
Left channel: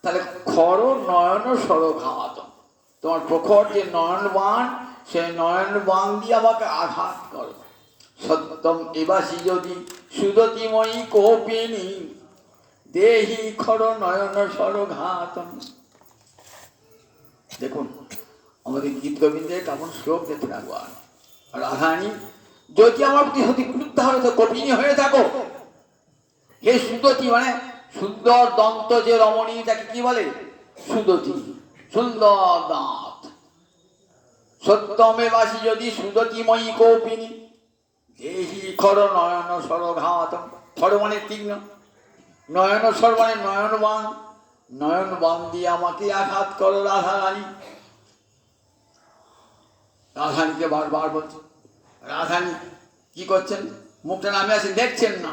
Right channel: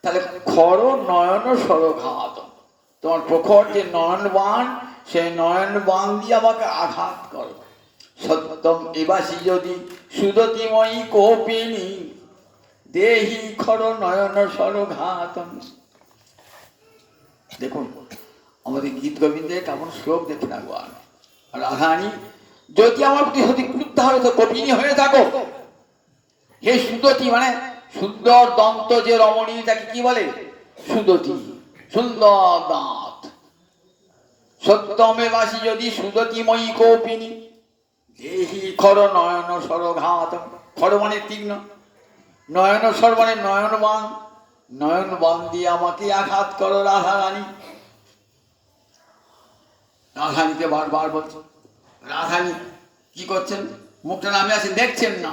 তাহলে খর নয়ন সরঘাতম, তোমার প্রখর যে নয়ন বাণ, সেই নয়ন বাণ দিয়ে আমাকে আঘাত করো। সত্যম এবাসি যদি সুদতিময়ী কৌপিনী দেহি খর নয়ন সরঘাতম। দেখুন আমাদের গীত গোবিন্দের কেমন শ্লোক দেখুন একবার। রাধারানী যদি আমার প্রতি সত্যি ক্রুদ্ধ হয়ে থাকো, কপিনী হয়ে থাকো, হে সুদতি, মানে সুন্দর দন্ত যে রমণী তাকে কি বলে? সুদতি, সুন্দর দাঁত। সত্যমে বাসি যদি সুদতিময়ী কৌপিনী দেহি খর নয়ন সরঘাত। খর মানে তীক্ষ্ণ, নয়ন সর মানে নয়ন বাণ, নয়ন বাণ দিয়ে আমাকে আঘাত করো রাধারানী। রাধারানীকে বারবার বলছে। রাধারানী কি করছেন? মুখটা নামে আছেন, দেখছেন না।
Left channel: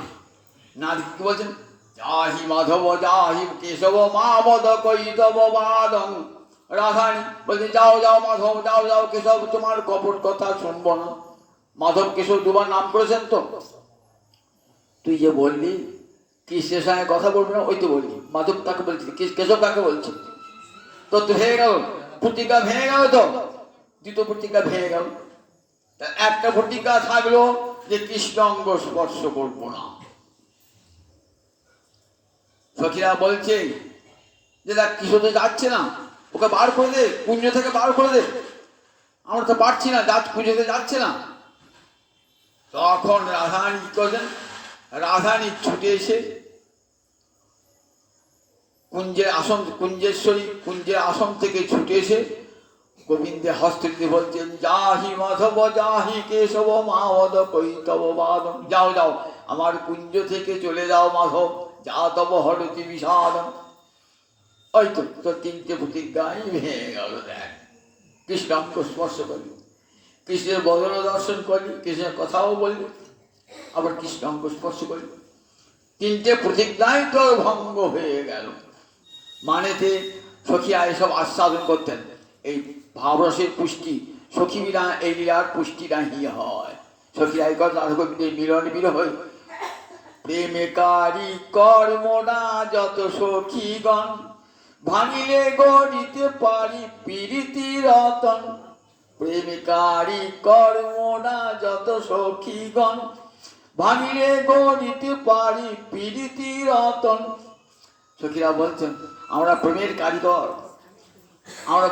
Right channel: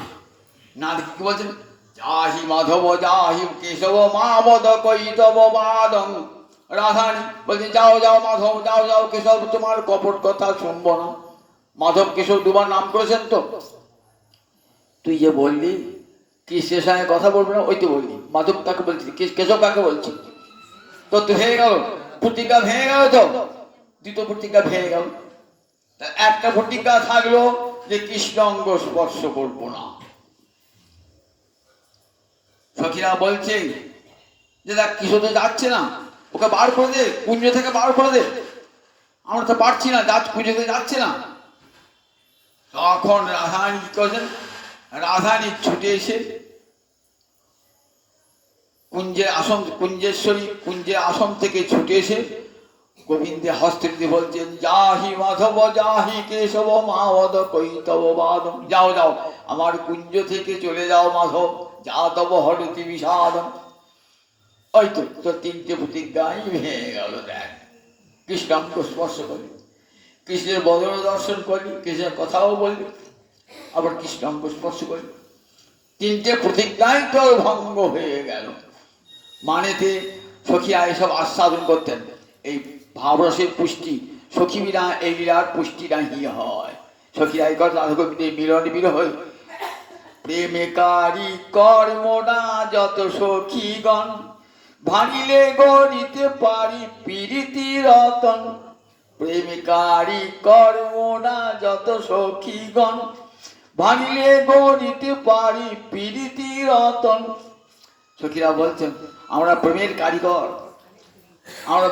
না দেখে কি বলছেন? যাহি মাধব যাহি কেশব মাবদ কৈতব বাদং। রাধারানী বলছেন, যাও যাও মাধব, যাও যাও কেশব, তোমার কপট কথা শুনবো না। মাধব কেশব দুবার নাম করেছেন তো। তুই যে বললি কৃষ্ণের সঙ্গে কথা বলবো না, ওই তো বললি মাধব কাকে বলছি, কেশব কাকে বলছি, তো তো হয়ে গেল, প্রতিজ্ঞা ভেঙে গেল তো, দ্বিতীয় প্রতিজ্ঞা ভেঙে গেল। তা একটা প্রতিজ্ঞা থাকলো যে কৃষ্ণ অঙ্গ স্পর্শ করবো না। সখীরা বলছে যে দেখ কিশোর তো যাচ্ছে না, ওকে বার করে দে, কুঞ্জ থেকে বার করে দে, আমরা তো পারছি না, কুঞ্জতে যাচ্ছে না। তখন রাধারানী কি করছেন? রাধারানী ছুটে এসে কুঞ্জের আসন, কুঞ্জের আসন থেকে ছুটে এসে গোবিন্দে হস্তে বলছেন, যাহি মাধব যাহি কেশব মাধব কৈতব বাদ। যাও যাও, আমার কুঞ্জ থেকে চলে যাও মাধব, যা তব হরতি বিষাদ। ওই তো তোর তিনটে প্রতিজ্ঞাই ভেঙে গেল। দেখ, কৃষ্ণাঙ্গ স্পর্শ করলি, কৃষ্ণের বদন দর্শন করলি, কৃষ্ণের কথাও বললি, আবার কৃষ্ণাঙ্গ স্পর্শ করলি, তিনটে প্রতিজ্ঞাই তোর ভঙ্গ হয়ে গেল। মানেতে সখীরা এসব আস্বাদন করতেন। এই ভাবরসের পুষ্টি সখী বিনা এই লীলার পুষ্টি নাহি হয়। সখীরা এই কথা রাধা গোবিন্দের মিলন বিরহ প্রেমেকারী কর্মনা যত সখীগণ, ভাঙিলে গণিতে পারি প্রীতি রতন। প্রেমিকারী কর্মনা যত সখীগণ, ভাঙিলে গণিতে পারি প্রীতি রতন। সখীরা বলছেন, আমরা প্রেমের কারিগর, আমরা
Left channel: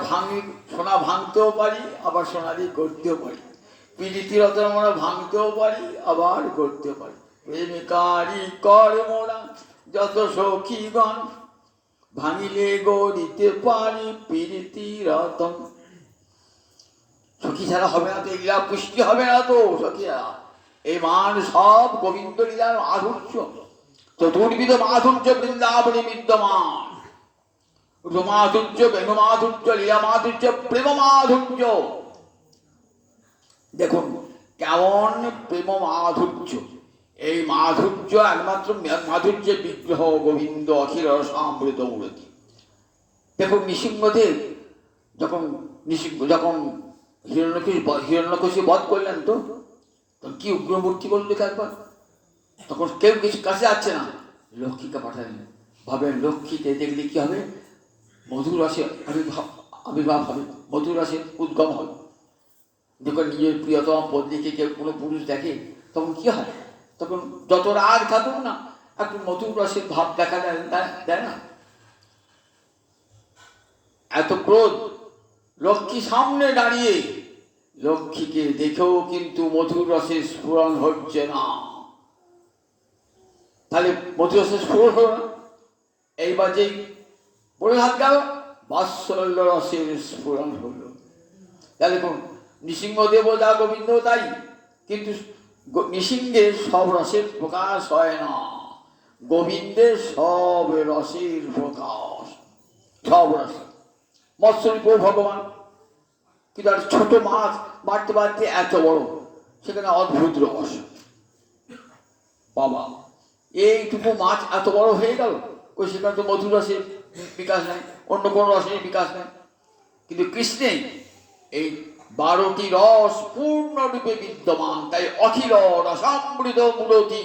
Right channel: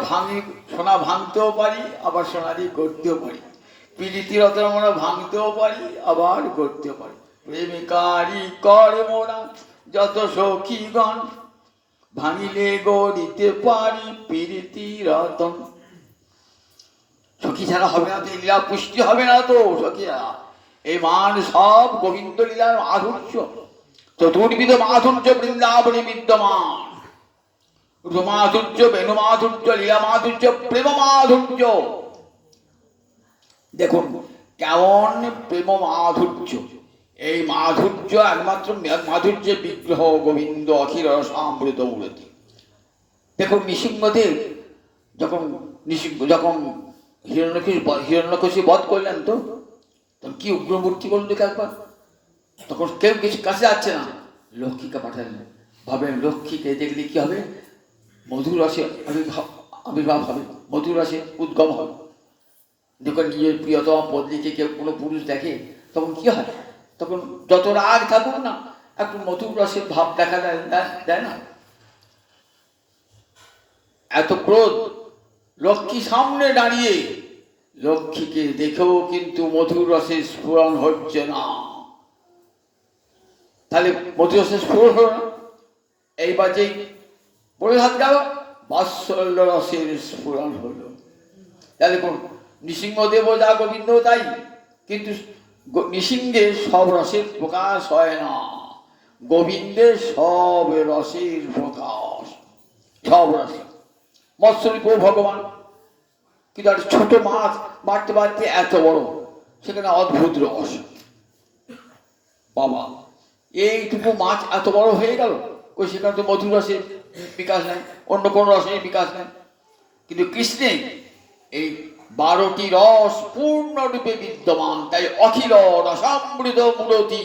সোনা ভাঙতেও পারি, আবার সোনা দিয়ে গড়তেও পারি। প্রীতি রতন আমরা ভাঙতেও পারি, আবার গড়তেও পারি। প্রেমিকারী কর্মনা যত সখীগণ, ভাঙিলে গড়িতে পারি প্রীতি রতন। সখী ছাড়া হবে না তো, এই লীলা পুষ্টি হবে না তো। সখীরা এই মান সব গোবিন্দ লীলার মাধুর্য, চতুর্বিধ মাধুর্য বৃন্দাবনে বিদ্যমান। রুমাধুর্য, বেণু মাধুর্য, লীলা মাধুর্য, প্রেম মাধুর্য। দেখুন কেমন প্রেম মাধুর্য। এই মাধুর্য একমাত্র মাধুর্যের বিগ্রহ গোবিন্দ অখিল রসামৃত মূর্তি। দেখুন নৃসিংহদেব যখন হিরণ্যকশি বধ করলেন, তো তখন কি উগ্রমূর্তি করল দেখে একবার। তখন কেউ কিছু কাছে যাচ্ছে না, লক্ষ্মীকে পাঠালেন। ভাবেন লক্ষ্মীকে দেখলে কি হবে? মধুর রসে আবির্ভাব হবে, মধুর রসে উদ্গম হবে। যখন নিজের প্রিয়তম পত্নীকে কেউ কোনো পুরুষ দেখে তখন কি হয়? তখন যত রাগ থাকুক না, একটু মধুর রসের ভাব দেখা দেয় না? এত ক্রোধ, লক্ষ্মী সামনে দাঁড়িয়ে, লক্ষ্মীকে দেখেও কিন্তু মধুর রসের স্ফুরণ হচ্ছে না। তাহলে মধুর রসের স্ফুরণ হলো না। এইবার যেই বলে হাত গেল, বাৎসল্য রসের স্ফুরণ হলো। তাহলে কোন নৃসিংহদেব যা গোবিন্দ তাই, কিন্তু নৃসিংহের সব রসের প্রকাশ হয় না, গোবিন্দের সব রসের প্রকাশ, সব রসের। মৎস্যরূপ ভগবান, কিন্তু একটা ছোট মাছ বাড়তে বাড়তে এত বড়, সেখানে অদ্ভুত রস। বাবা, এইটুকু মাছ এত বড় হয়ে গেল, ওই সেখানে তো মধুর রসের বিকাশ নেই, অন্য কোনো রসের বিকাশ নেই। কিন্তু কৃষ্ণে এই 12টি রস পূর্ণরূপে বিদ্যমান, তাই অখিল রসামৃত মূর্তি,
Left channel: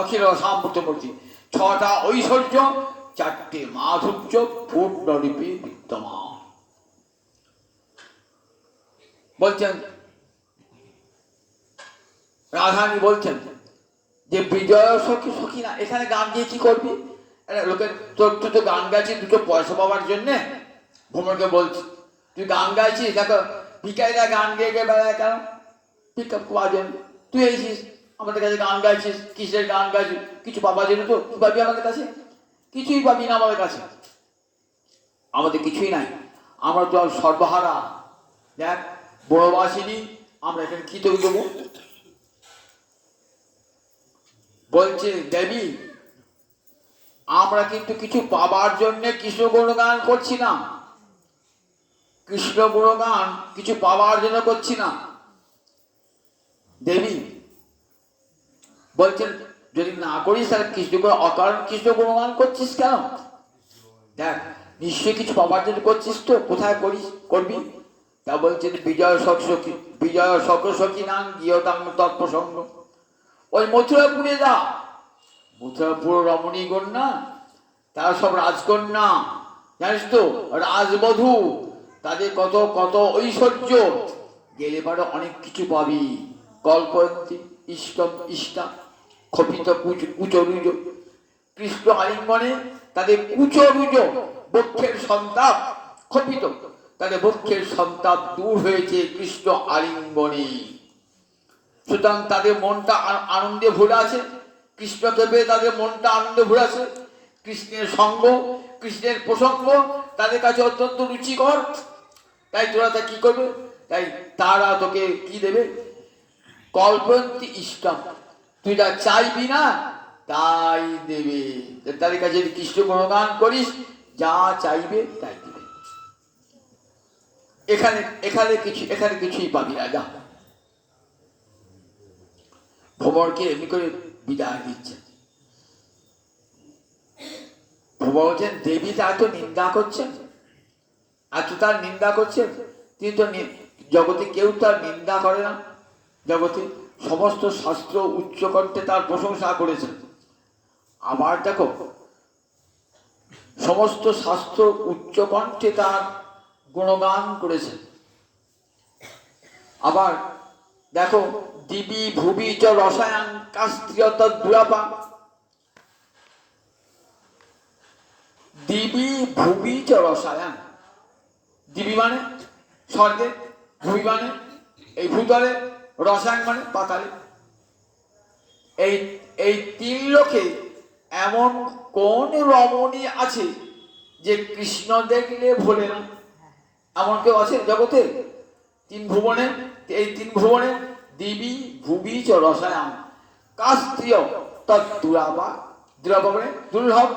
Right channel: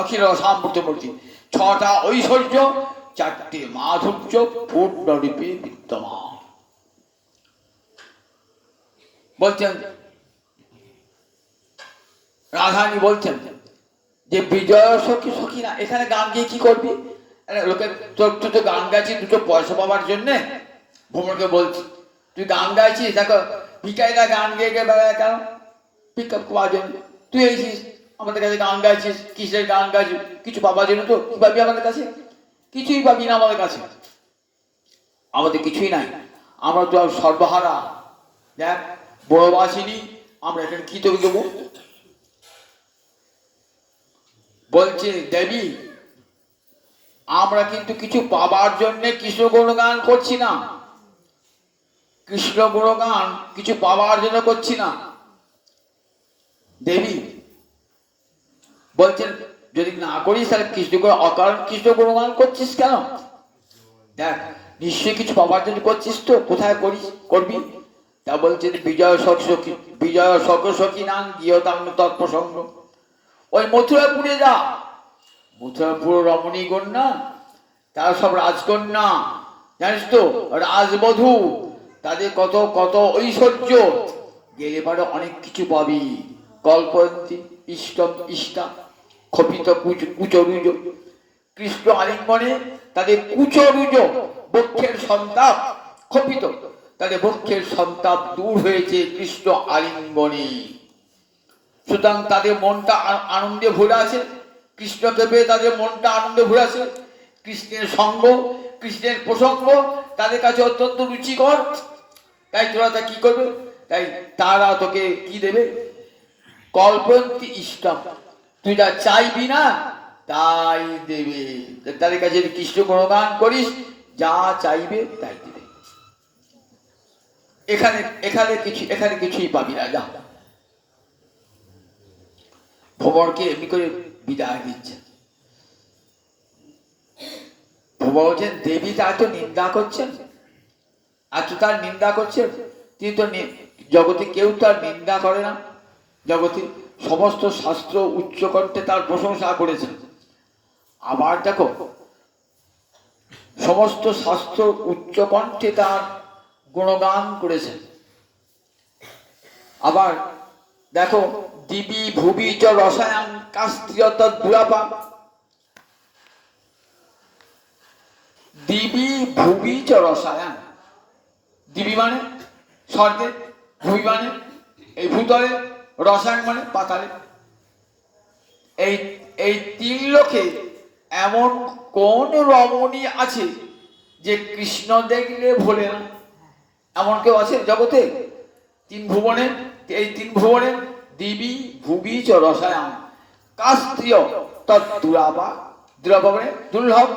অখিল রসামৃত মূর্তি। 6টা ঐশ্বর্য, 4টে মাধুর্য পূর্ণরূপে বিদ্যমান। বলছেন রাধারানী বলছেন যে বিজয় সখী সখী না, এখানে গান গিয়ে কি করবি? লোকে তোর তুই তো গান গাইছিস দুটো পয়সা পাওয়ার জন্যে। ভ্রমণকে বলছি, তুই গান গাইছিস, দেখো ভিকারিরা গান গেয়ে গিয়ে বেড়ায় কেন? ভিক্ষা পাওয়ার জন্য। তুই এসেছিস আমাদের কাছে গান গাইছিস, কিসের গান গাইছিস? কিছু পাবার জন্য। তো কি পাবি আমাদের কাছে? কিছুই পাবি না আমাদের কাছে, আমাদের কিছুই নাই, আমরা তো সর্বহারা। দেখ বড়বাসিনী, আমরা এখানে কি তোকে দেবো? বলছে দেবী, আমরা কিন্তু কিছু পাবার জন্যে কৃষ্ণ গুণগান করছি না, কৃষ্ণ গুণগান কিছু পাবার জন্য করছি না। দেবী বলছেন যদি না করিস তাহলে কৃষ্ণ অকারণ কৃষ্ণ গুণগান করছিস কেন? দেখ নিশ্চয়ই কিছু পাবার জন্য করছিস তো, কোথায় করিস করবি? তা বলছেন বিজয় সখী নাম গিয়তাম তৎপ্রসঙ্গ। ওই মথুরাপুরে যা, মথুরাপুর রমণী কন্যা, তারা সব রাজকন্যা, জানিস তো, রাজবধূ, তাদের কত কত ঐশ্বর্য, গেলে পরে অনেক কিছু পাবি। কল্পন্তি ইষ্টম ইষ্টা ক্ষপিত কুচরুজ, কৃষ্ণ আলিঙ্গনে তাদের কুচরুজ বক্ষের সন্তাপ ক্ষপিত, তাদের বক্ষের সন্তাপ দূর হয়েছে কৃষ্ণ আলিঙ্গনে। সুতরাং তাদের মনটা আনন্দে ভরে আছে, কৃষ্ণকে পেয়ে তাদের মনটা আনন্দে ভরে আছে। কৃষ্ণের সঙ্গ, কৃষ্ণের প্রসঙ্গ তাদের কাছে অত্যন্ত রুচিকর। তাই তোরা তা কি করবে? তাই তারা তোকে কি দেবে? কল্পন্তি ইষ্টম, তুই যা চাইবি না তাই দেবে। তাদের কাছে যদি কৃষ্ণ গুণগান করিস, যা চাইবে তাই দেবে। এখানে এখানে কিছুই পাবি না। যা, ভ্রমণকে এমনি করে বিদায় দিচ্ছে। বলছেন দেবী তার তো নিন্দা করছেন, এত তার নিন্দা করছেন, তিনি তো জগতে কেউ তার নিন্দা করে না। জগতে সমস্ত শাস্ত্র উচ্চকণ্ঠে তার প্রশংসা করেছেন। আবার দেখো সমস্ত শাস্ত্র উচ্চকণ্ঠে তার গুণগান করেছেন। আবার দেখো দিবি ভুবি চ রসায়ন কাস্ত্রিয়ত দুরাপা, দিবি ভুবি চ রসায়ন, দিবি মানে স্বর্গে, ভুবি মানে এই ভূতলে, রসায়ন মানে পাতালে। এই তিন লোকে এমন কোন রমণী আছে যে কৃষ্ণ দেখলে ভোলে না? এমন কেউ আছে জগতে? তিন ভুবনে, এই তিন ভুবনে দিবি ভুবি চ রসায়ন কাস্ত্রীয় তৎদুরাবা, দুরাবা মানে দুর্লভ,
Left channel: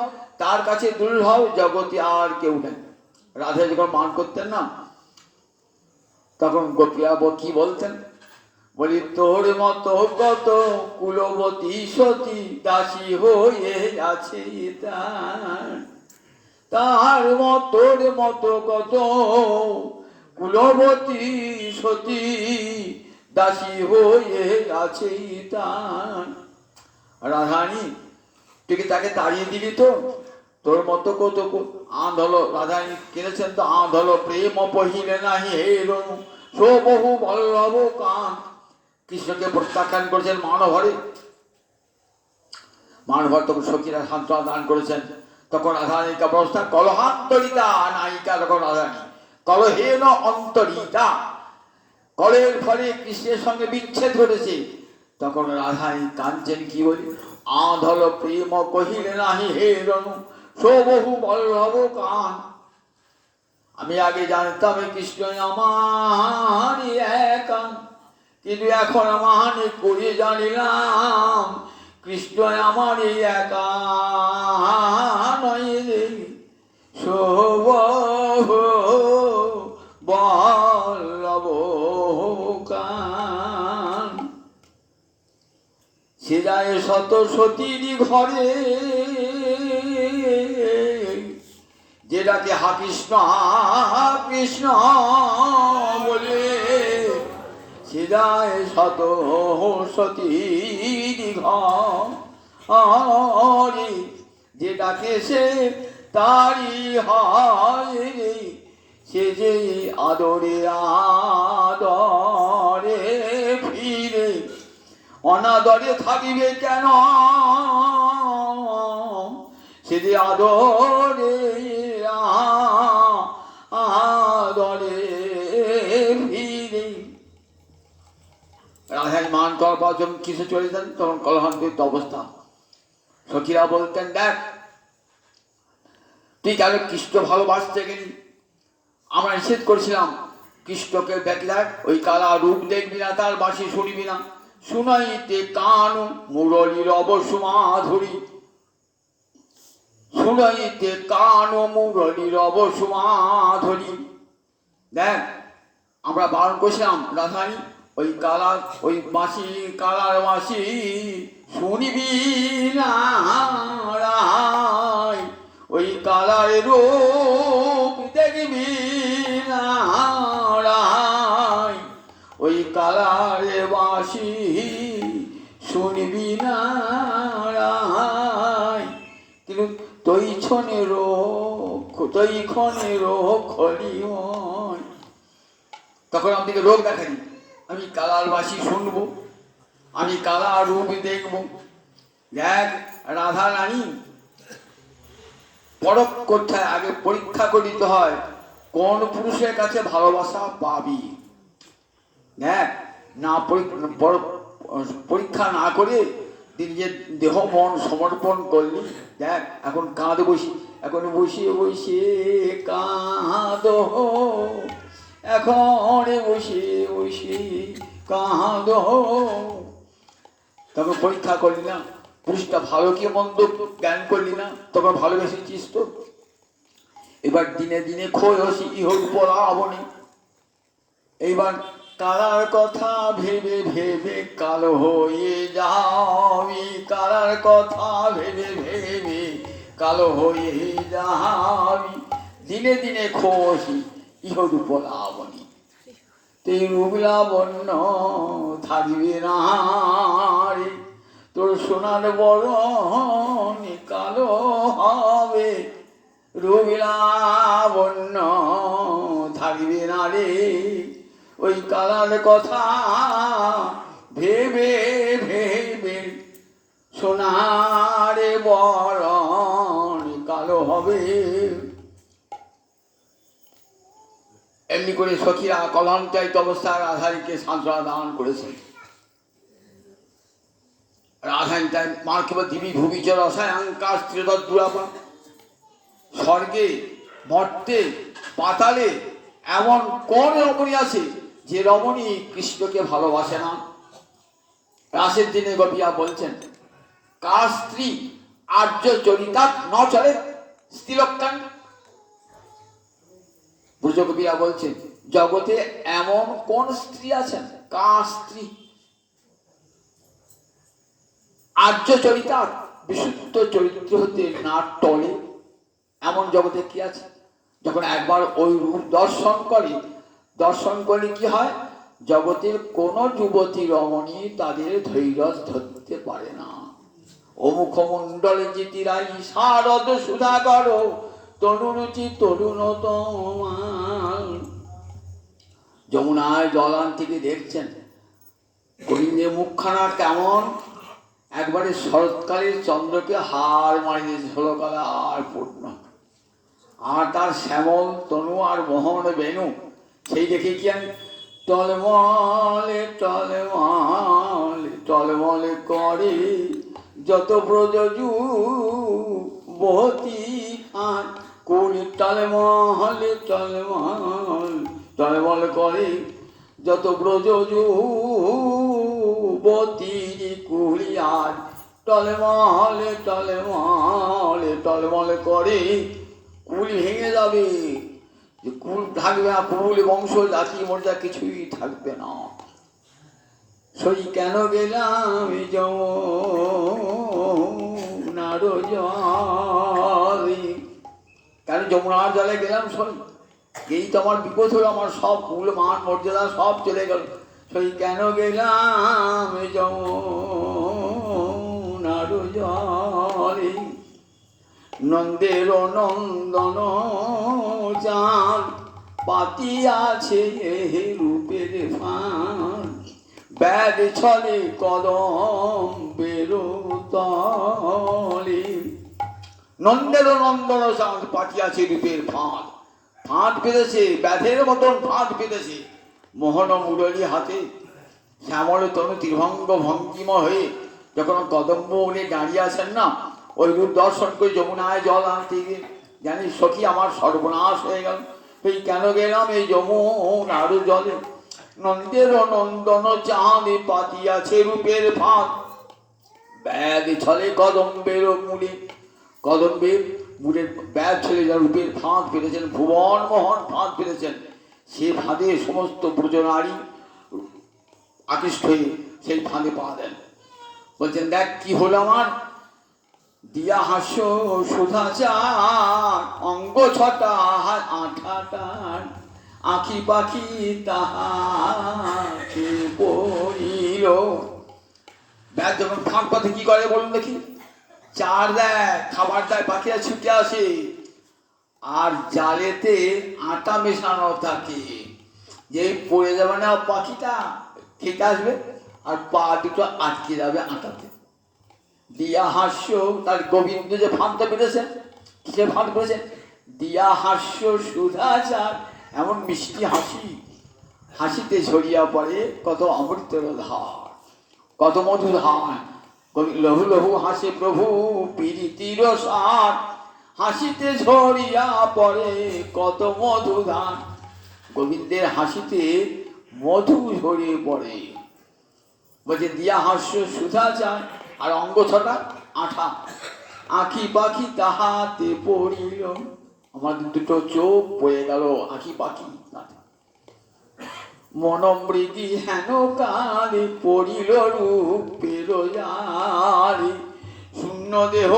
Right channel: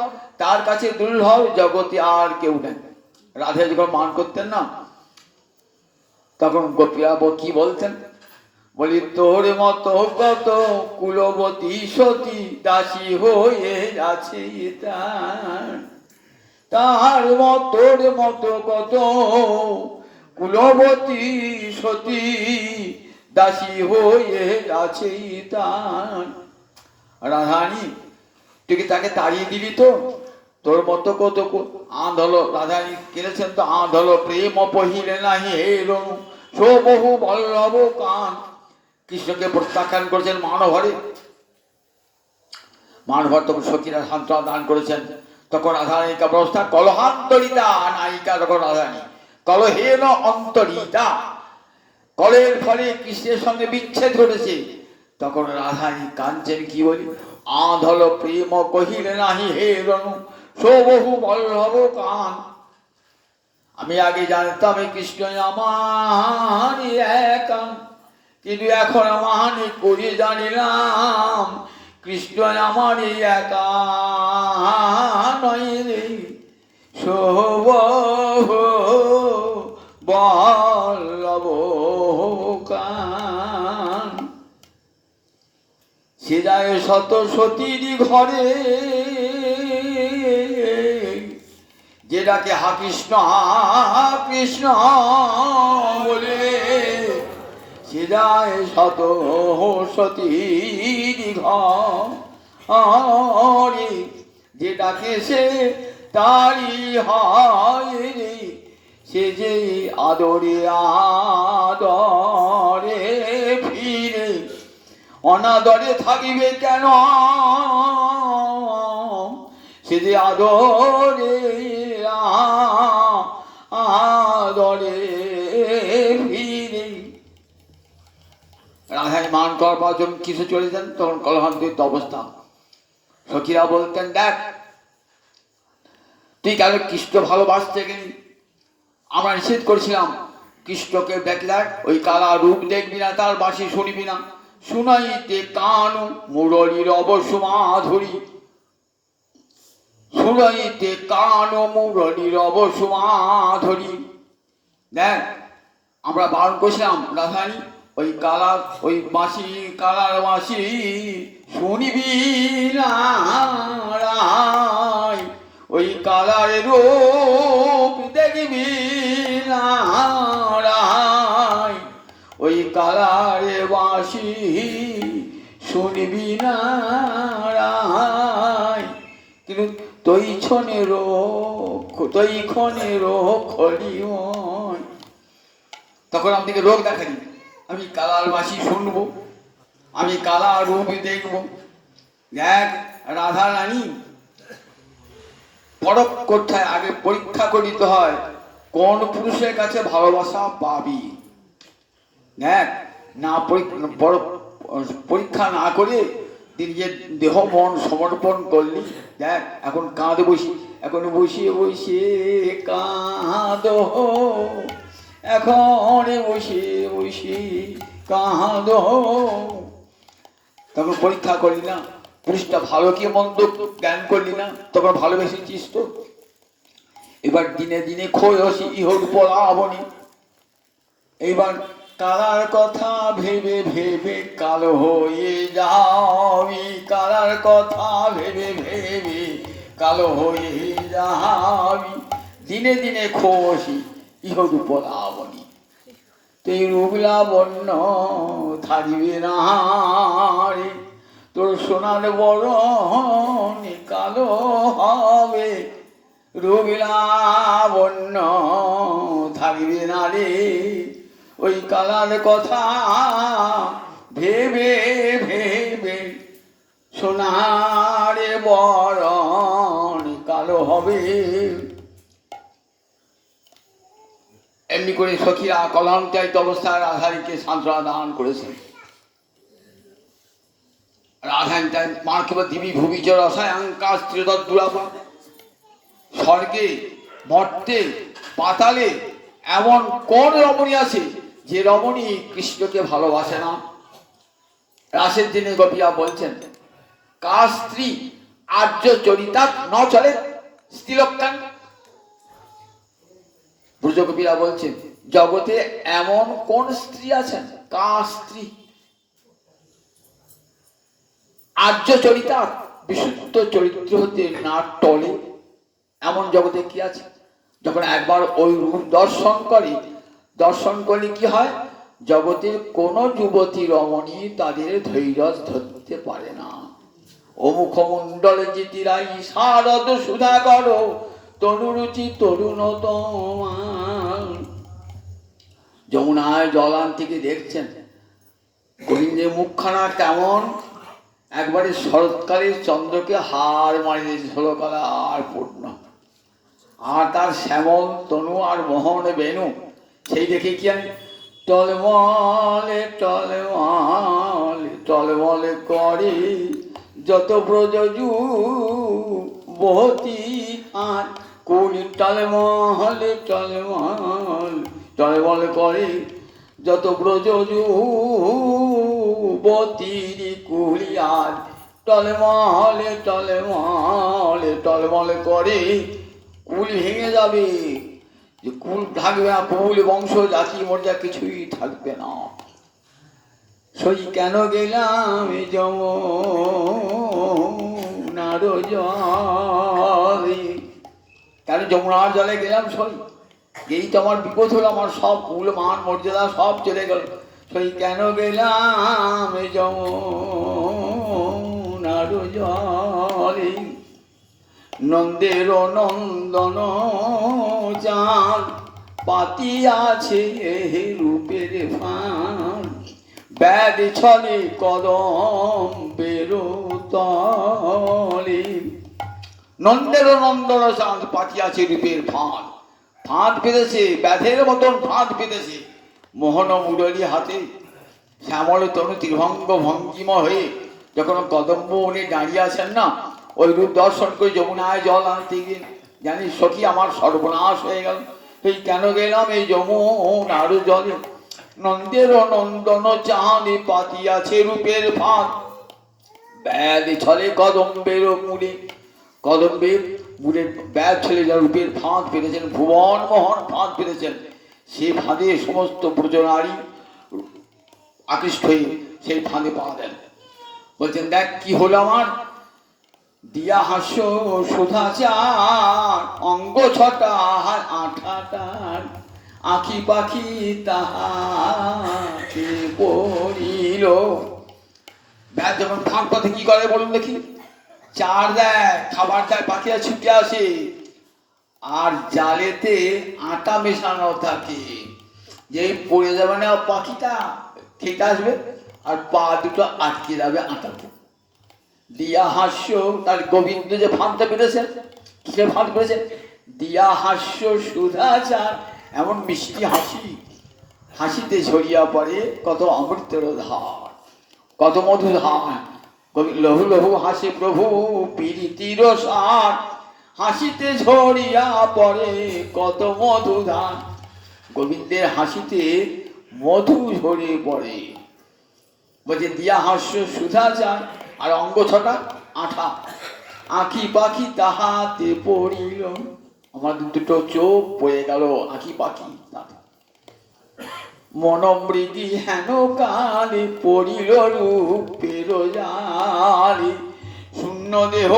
তার কাছে দুর্লভ জগতে আর কেউ নেই। রাধা যখন মান করতেন না, তখন গোপীরা কি বলতেন? বলি তোর মতো কত কুলবতী সতী দাসী হয়ে আছে তার মতোর মতো কত কুলবতী সতী দাসী হয়ে আছে তার। রাধারানী তুই কি তাকে তাড়িয়ে দিবি? তো তোর মতো কত আঁধল, রাধারানী কিনেছেন তো, আঁধল প্রেম পহিলে নাহি হেলো বহু বল্লভ কান। কৃষ্ণকে প্রত্যাখ্যান করেছেন মানভরে। মানভর তখন সখীরা সান্ত্বনা দান করেছেন। তখন রাধারানীর অবস্থা কলহান্তরিতা নায়িকা, তখন রাধারানী কলহেন অন্তরিতা, কলের ফলে কৃষ্ণের সঙ্গে বিচ্ছেদ ঘটেছে। তখন রাধারানী কাঞ্চন কি বলি? আঁধল প্রেম কহিলে নাহি হেরণ বহু বল্লভ কান। আমি আগে জানতাম কৃষ্ণ আমার একা, কিন্তু এখন আমার করে জানিলাম কৃষ্ণ আমার একা নয় রে বল্লভ কান। সে যায় শত সতীর ঘরে, যেটাকে হা কৃষ্ণ কৃষ্ণ বলে, সে যায় শত সতীর ঘরে, যেটাকে সে তারি হয় রে, সে যে আদরে আদরে ফিরে, অনাদরে থাকিবে কেন? সে যে আদরে আদরে ফিরে। রাধায় মান করবার যখন কিছু চলে যান, তখন কলহান্তিত অবস্থা। সখীরা বলতেন দেখ তুই কেন কৃষ্ণ ভালোবাসতে গেলি? আমরা নিষেধ করেছিলাম কৃষ্ণকে দেখ, ওই কালা রূপ দেখবি না, তার বাঁশি শুনবি না। শুনাইতে কান মুরলীর অবসুমাধুরী, শুনাইতে কান মুরলীর অবসুমাধুরী। দেখ আমরা বারণ করেছিলাম রাধারানী ওই কালার ওই মাসি কালার মাসি শুনিবি না রায়, ওই কালার রূপ দেখবি না রায়, ওই কালার বাসি শুনিবি না রায়। কিন্তু তৈক্ষণেরও খলিয়ন, তখন আমাদেরকে রোগ দেখা দিই। আমি কালার বাসি শুনবো, আমি কালার রূপ দেখব। দেখ রাধা রানী পরখ করতে হয়, আগে পরীক্ষা করিতে হয় কোন পুরুষের কাছে ভালোবাসা পাবি। দেখ না পরীক্ষা না করে নিজের দেহ মন সমর্পণ করলি। দেখ এখন কাঁদে বসি, এখন বসিয়ে বসিয়ে কাঁদ, এখন বসে বসে কাঁদ। তখন পরীক্ষা করলি না, পুরুষটা ভালো কি মন্দ জ্ঞান করলি না, তখন ভালোবেসেছিস তো। এবার দিনে দিনে খোঁজি ইহর পরাবনি। এইবার কালার কথা ভেবে ভেবে কালো হয়ে যাবি, কালার কথা ভেবে ভেবে কালো হয়ে যাবি, দিনে দিনে খোঁজি ইহর পরাবনি। তুই রূপ লাবণ্য থাকবে না রে, তোর সোনার বরণ কালো হবে, রূপ লাবণ্য থাকবে না রে, ওই কালার কথা ভেবে ভেবে সোনার বরণ কালো হবে। এমনি করে সখীরা কলঙ্কায়িত অবস্থায় রাধারীকে সান্ত্বনা দান করেছেন। রাধারী তাই মার্কিব দিবি ভুবিচ রসায়ঙ্কা স্ত্রীদুরাপা, স্বর্গে মর্তে পাতালে এমন কোন রমণী আছে যে রমণী কৃষ্ণকে ভালোবাসে না। রাসের দিনে গোপীরা বলছেন কার স্ত্রী আর্য চরিতা ন চলে স্ত্রীলক্ষণ। ব্রজগোপীরা বলছেন জগতে এমন কোন স্ত্রী আছেন, কার স্ত্রী আর্য চরিতা বিশুদ্ধ চরিত্র হতে না টলে, এমন জগতে কি আছে। যখন একবার ওই রূপ দর্শন করলে কি হয়, জগতের কোন যুবতী রমণী তাদের ধৈর্য ধরতে পারে না। ও মুখমণ্ডলে জিতিরাই শারদ সুধাকর তরুরুচি তরুণ তোমার। যমুনায় জলান থেকে দেখছেন গোবিন্দের মুখখানা কেমন, একবারে শরৎকালের চন্দ্রকে হার মারিয়ে ঝলকালা আর পূর্ণ, আর তার শ্যামল তনু আর মোহন বেনু সেই দেখে কি আমি টলমলে টলমলে টলমলে করে যত ব্রজ যুবতী আর কুলি, টলমলে টলমল টলমল করে যত ব্রজ যুবতীর কুলি, আর টলমলে টলমলে টলমল করে কুল ভেঙে যাবে, যে কুল থাকবে না, কুল বংশ জাতি মর্যাদা কিছুই থাকবে না। সই কেন গেলাম যমুনার জলে, কেন যমুনার জলে গেলাম সই, এই তো আমার বিপদ হলো, আমার সব কুল মান মর্যাদা সব চলে গেল। সই কেন গেলাম যমুনার জলে, নন্দের নন্দন চাঁদ পাতিয়াছে রূপের ফান, ব্যাগ ছলে কদম বেরোতলে। নন্দের নন্দন চাঁদ পাতিয়াছে রূপের ফাঁদ, ফাঁদ পেতেছে ব্যাধের মতন ফাঁদ পেতেছে। মোহন মুরলী হাতে শ্যামল তনু ত্রিভঙ্গ ভঙ্গিম হয়ে যখন কদম্ব উনি দাঁড়িয়ে আছেন না, ওই রূপ দর্শন করে যমুনায় জল আনতে গিয়ে জানি সখী আমার সর্বনাশ হয়ে গেল। এই কেন গেলাম এই যমুনার জলে, নন্দের নন্দন চাঁদে পাতিয়াছে রূপের ফাঁদ, ব্যাধ ছলে কদম্বের মূলে, কদম্বের মূলে ব্যাধ ছলে যা রূপের ফাঁদ পেরেছেন, ভুবন মোহন ফাঁদ পেরেছেন। সে ফাঁদে সমস্ত ব্রজনারী আকৃষ্ট হয়ে সেই ফাঁদে পা দেন। বলছেন, দেখ কি হলো আমার, দিয়া হাস্য সুধাচার, অঙ্গ ছটা আঠাটার, আঁখি পাখি তাহাতে পড়িল। ব্যাস যখন ফাঁক পথে কি করে বলুন দেখি, চার দেয়, খাবার দেয়, পাখিরা ছুটে আসে, আর জালেতে আটা মেশানো থাকে, যে পড়ে যাবে না পাখিটা খেতে আসবে, আর পা দুটো আটকে যাবে আটাতে। দিয়া হাস্য, তার গোবিন্দ যে ফাঁদটা পেরেছেন, কিসের ফাঁদ পেরেছেন, দিয়া হাস্য সুধাচার, এমন মিষ্টি হাসি, হাসিতে ঝরিয়া পড়ে কত অমৃতের ধার, কত মধু ধার। লহু লহু হাসে প্রভু প্রীতির সার, হাসিতে ঝরিয়া পড়ে কত মধু ধার। গোবিন্দের হাসিতে মধু ঝরে পড়ে। বলছে দিয়া হাস্য সুধাচার, আর অঙ্গ ছটা আঠা, আঁখি পাখি তাহাতে পড়িল। আমার দুটো চোখ পড়ে গেল আঁখি পাখি। মনমৃগী হেন কালে পড়িল রূপের জালে, শূন্য দেহ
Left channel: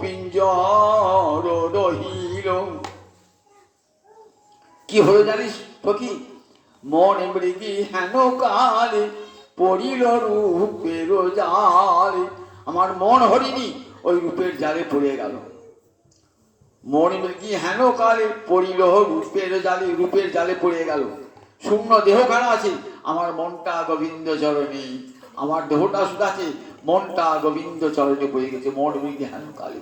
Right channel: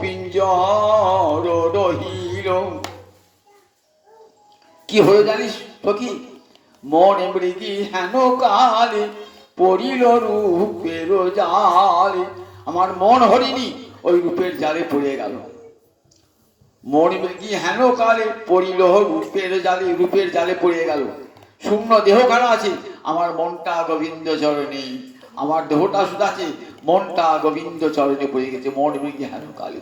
পিঞ্জর রহিল। কি হলো জানিস সখী, মন মৃগী হেন কালে পড়িল রূপের জালে, আমার মন হরিণী ওই রূপের জালে পড়ে গেল। মন মৃগী হেন কালে পড়িল রূপের জালে, রূপের জালে পড়ে গেল। শূন্য দেহ কেন আছে, আমার মনটা গোবিন্দ চরণে, আমার দেহটা শুধু আছে, মনটা গোবিন্দ চরণে পড়ে গেছে। মন মৃগী হেন কালে,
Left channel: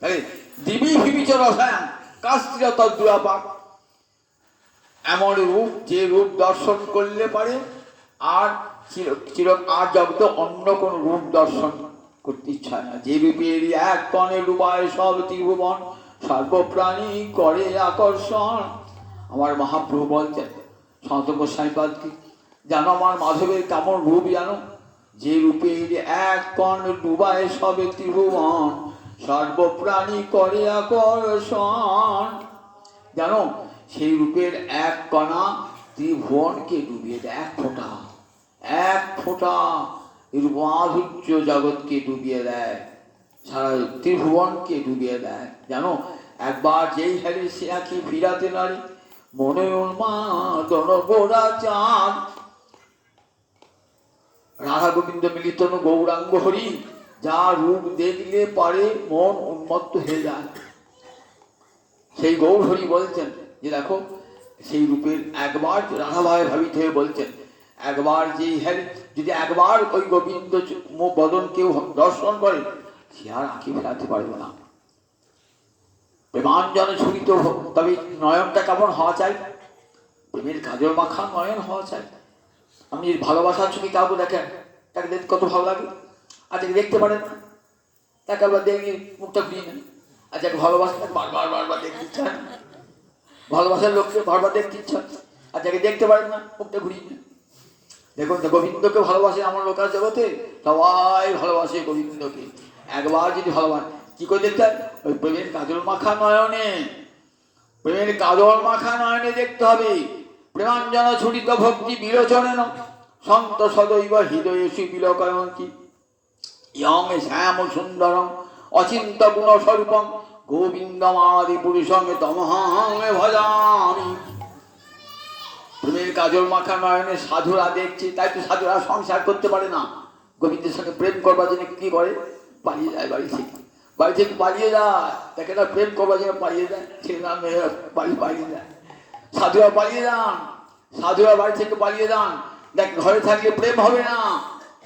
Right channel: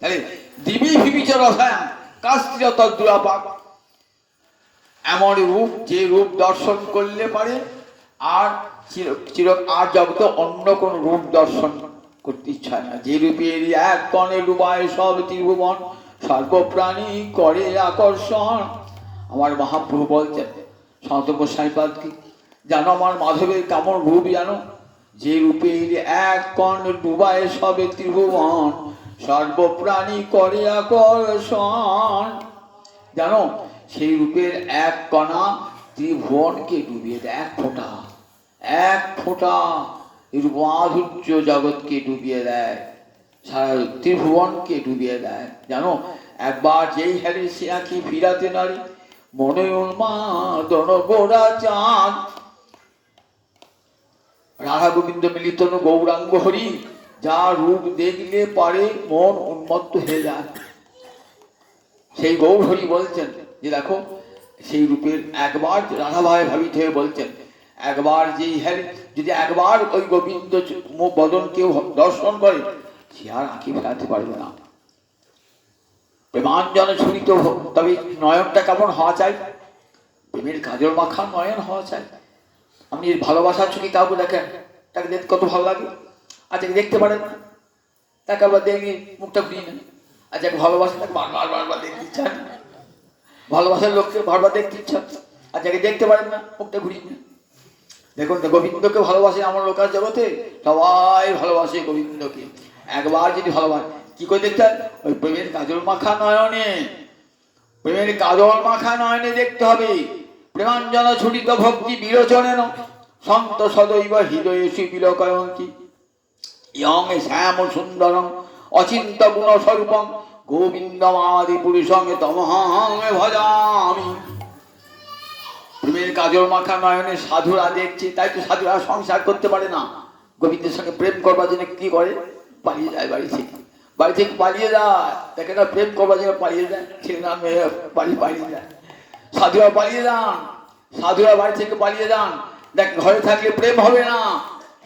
তাহলে দিবি ভিবিচর রসায়ন কাস্ত্রীয় তদ্দুরাপাক, এমন রূপ যে রূপ দর্শন করলে পারে আর চির আর জগতে অন্য কোন রূপ দর্শন করতে ইচ্ছা না। যে রূপের এক কণে রূপায় সব ত্রিভুবন, সর্বপ্রাণী করে আকর্ষণ। আমার মহাপ্রভু বলছেন সন্ত গোস্বামীপাদকে, জানো আমার মাধবের কেমন রূপ জানো, যে রূপের এক কণ ডুবায় সবে ত্রিভুবন, সর্বপ্রাণী করে আকর্ষণ। জানো সেই রূপের এক কণা ত্রিভুবনকে ডুবিয়ে দেয়, এক ফোঁটা, এক ফোঁটা রূপ মাধুর্য জগৎকে ডুবিয়ে দেয়, সারা ত্রিভুবনকে ডুবিয়ে দেয়। জানো একবার যেই হেলে সে আঁখি ফিরাতে নারী, মনে উন্মাদন গোড়া চাঁদ। রাধা গোবিন্দ মিলিত গৌরাঙ্গ হরি, যা রূপ দেখলে পারে মন উন্মত্ত হয়ে যায়। সেই গৌর হরি বলছেন যে দেখো সেই রূপের একবার, রাধাভাই ভাবিত হয়ে বলছেন, একবার যেই হেলে যদি একবার ওই গোবিন্দ বদন কেউ দর্শন করে, সে আর আঁকি ফেরাতে পারবে না। প্রেমাঞ্জন ছুরিত, তবে নয়নটা কেমন হওয়া চাই, প্রেমের কাজল মাখা নয়ন হওয়া চাই। আপনি ভালোবাসার চোখে কাউকে দেখেন, তাকে দেখতে কত ভালো লাগে, আচ্ছা দেখতে পারেন না, তাকে আবার দেখে মুখটা ঘুরিয়ে নেন। আচ্ছা ভালোবাসা তাকে বারবার বারবার দেখতে ইচ্ছা, ভালোবাসার লোককে বারবার দেখতে ইচ্ছা, আর যাকে দেখতে পারেন না মুখটা ঘুরিয়ে নেন। দেখুন গোবিন্দকে ভালোবাসে আমার লোকাল জগতে, সবাই ভালোবাসে গোবিন্দকে। একবার যদি ভালোবাসে কি করে দেখতে হয়, ওই প্রেমের কাজল মাখা নয়নে, প্রেমের কাজল মাখা নয়নে দেখতে হবে। প্রেমাঞ্জন ছুটিত ভক্তি বিরোচনে সন্ত সদৈব হৃদয়ে শিবিলকয়ন্তী, ইয়ং শ্যাম সুন্দরম অচিন্ত গুণ স্বরূপম, গোবিন্দমাদি পুরুষং তমহাং ভজামি। প্রেমের কাজল মাখা নয়নে সাধুরা দেখছে, তাই তো সাধুরা সংসার করতে পারে না। গোবিন্দের সঙ্গে প্রেম করবার জন্য কি করে, পালিয়ে যায় বাড়ি থেকে, বাড়ি থেকে পালিয়ে যায়। দেখে না প্রেম করবার জন্য পালিয়ে যায়, ছেলে না মেয়ে পালিয়ে যায়। সাধুরা পালিয়ে যান, সাধুরা বাড়ি থেকে পালিয়ে যান। দেখ ঘরে থাকলে প্রেম হবে না,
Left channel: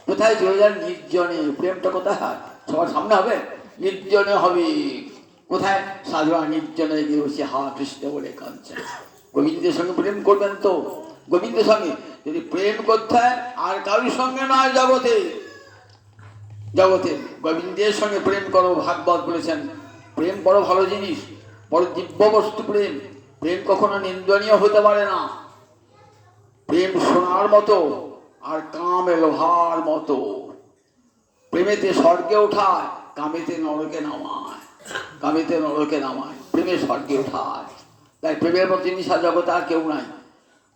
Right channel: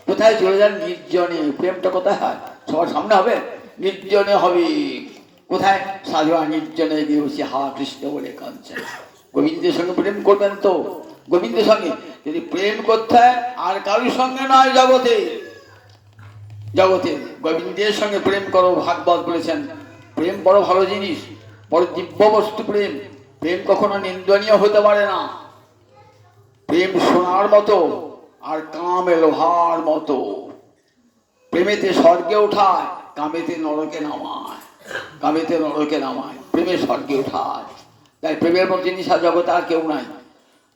কোথায় চলে যান, নির্জনে। প্রেমটা কোথায় হয়, সবার সামনে হবে, নির্জনে হবে। কোথায়, সাধুরা নির্জনে গিয়ে বসে হা কৃষ্ণ বলে কাঁদছেন। গোবিন্দের সঙ্গে প্রেম করবেন তো, গোবিন্দের সঙ্গে যদি প্রেম করতে হয় আর কারোর সঙ্গে নয়, জগতে জগতে গোবিন্দের সঙ্গে প্রেম করো। ভাগবত বলেছেন প্রেম বড় ভালো জিনিস, বড় দিব্য বস্তু প্রেম। প্রেম কখনো নিন্দনীয় হতে পারে না। প্রেম সোনার মতো আর কামে লোহার মতো। প্রেমেতে স্বর্গে ওঠায়, কামেতে নরকে নামায়, কামেতে নরকে নামায়, প্রেমে স্বর্গে ওঠায়। তাই প্রেমের মতো জিনিস জগতে আর কেউ নাই।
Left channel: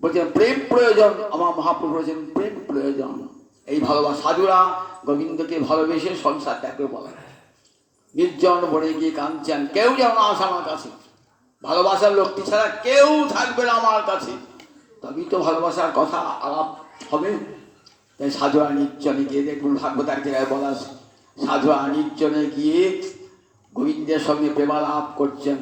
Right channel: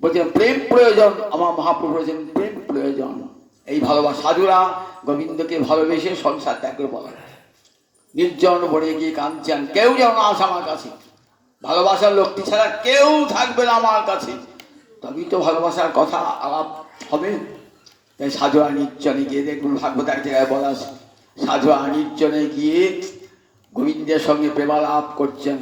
বলছেন প্রেম প্রয়োজন, আমার মহাপ্রভু বলেছেন প্রেম প্রয়োজন। এই ভালোবাসা সাধুরা গোবিন্দকে ভালোবেসে সংসার ত্যাগ করে বলে, নির্জন বনে গিয়ে কাঁদছেন, কেউ যেন না আসে আমার কাছে, ভালোবাসার লোকটি ছাড়া কেউ থাকবে না আমার কাছে, তবেই তো ভালোবাসার কথা আলাপ হবে। তাই সাধুরা নির্জনে গিয়ে, দেখুন ভাগবত এক জায়গায় বলা আছে, সাধুরা নির্জনে গিয়ে গোবিন্দের সঙ্গে প্রেমালাপ করছেন,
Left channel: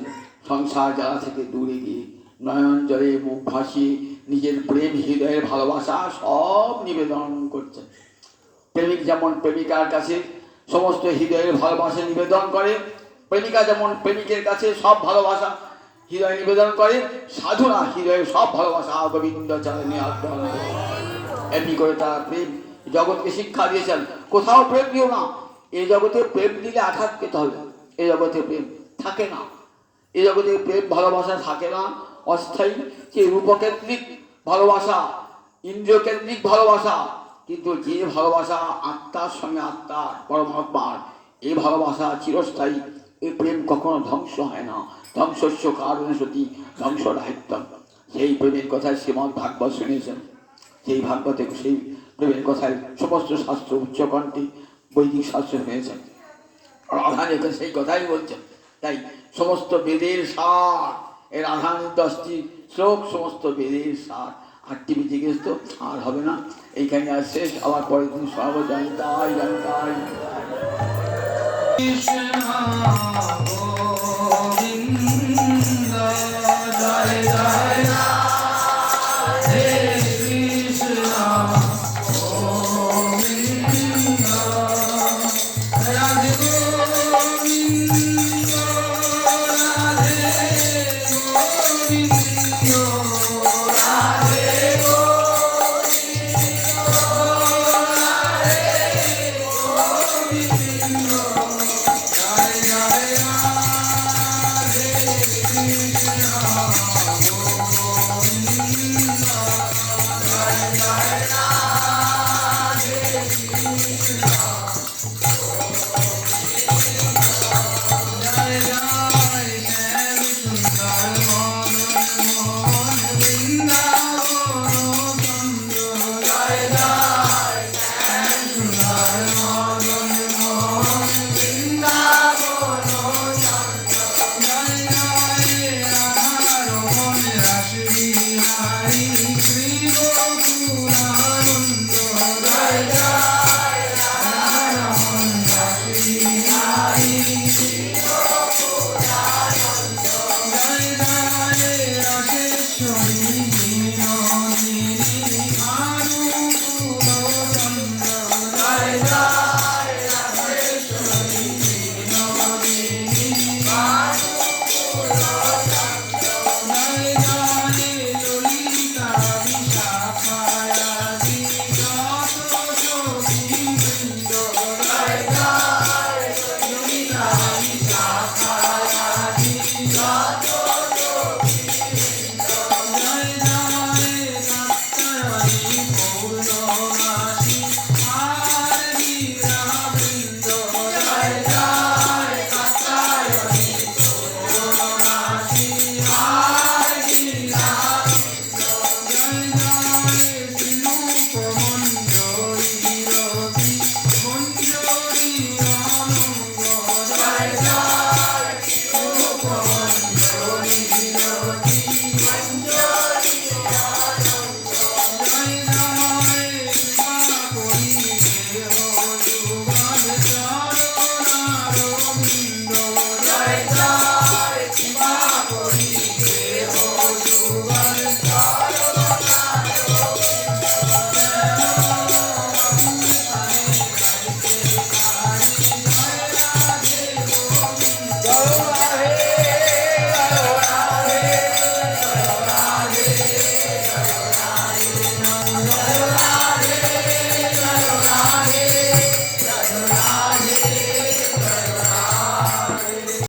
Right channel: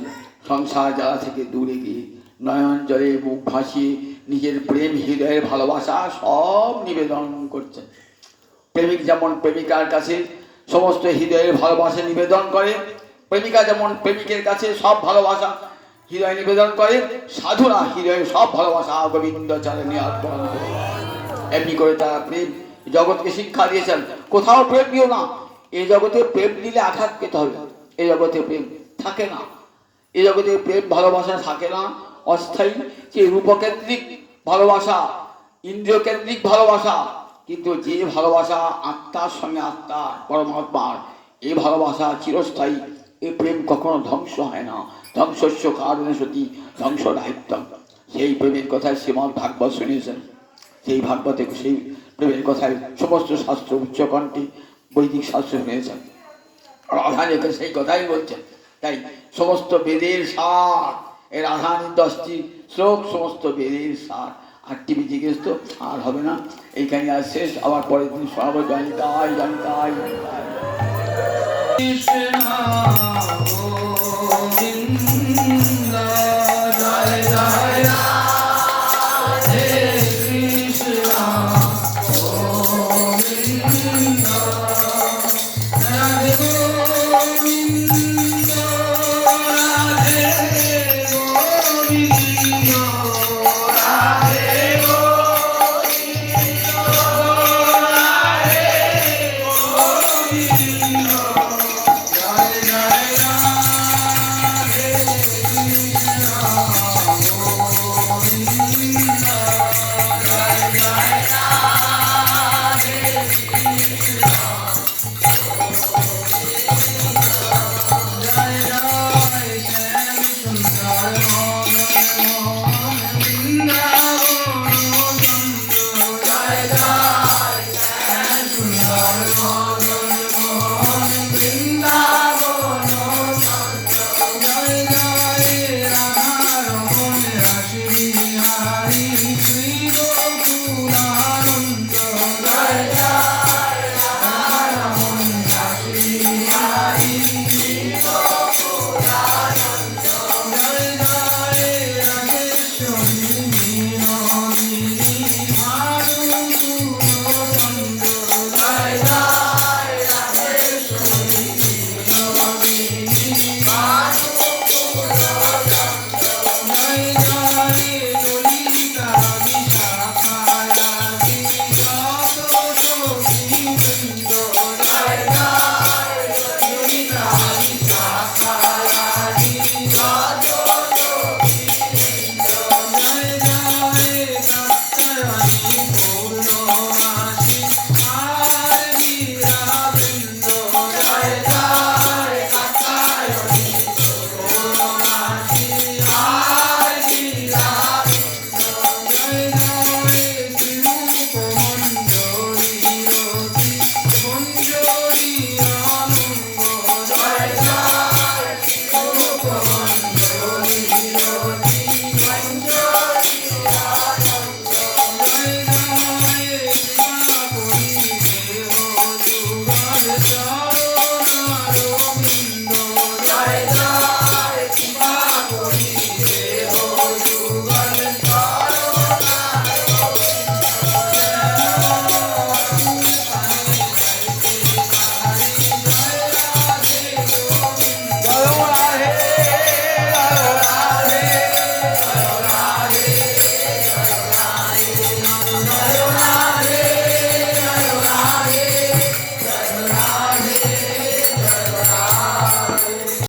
সংসার জ্বালা থেকে দূরে গিয়ে নয়ন জলে মুখ ভাসিয়ে নিজের প্রেম হৃদয়ের ভালোবাসা সব নিবেদন করছেন। প্রেমিক যেমন প্রেমিকার কাছে সমস্ত হৃদয়ের ভালোবাসা নিবেদন করে, প্রেমিকা যেমন প্রেমিকের কাছে সব ভালোবাসা হৃদয় নিবেদন করে, সাধুরা হৃদয়ের সব ভালোবাসা গোবিন্দ চরণে অর্পণ করে। এমনি করে তারা প্রেম জগৎকে শিক্ষা দিয়েছেন, কোথাও প্রেম দিও না, এই জগতে প্রেম দিলে আঘাত পেতে হবে, এই জগতে প্রেম থাকে না, এই জগতে প্রেম ভালোবাসা থাকে না, অস্থায়ী। যে রূপকেন্দ্রিক ভালোবাসা, ইন্দ্রিয়কেন্দ্রিক ভালোবাসা, কিন্তু যে ভালোবাসা আত্মার সঙ্গে আত্মা পরমাত্মার, এই ভালোবাসা চিরস্থায়ী। এই প্রেম কখনো ধ্বংস হয় না, ধ্বংসস্য কারণে সতী ধ্বংস দায়িত্ব। সেই প্রেমের কথায় শ্রীমদ্ ভাগবত শুনেছেন, সেই ভাগবতে সেই প্রেমের কথায় সমস্ত শাস্ত্র উচ্চকণ্ঠে বৈদিক শাস্ত্র শুনেছেন, রাধানীকে সেই কথাই বলছেন। তাই সমস্ত বেদের সার, এর রাধানীর 10টি শ্লোক সমস্ত বেদের সার। 8টি জিজ্ঞেস তো আর হবে না, এইখানে আর শেষ, আবার পরের দিন শোনাবো। জানিতাই জানিতাই জানিতাই।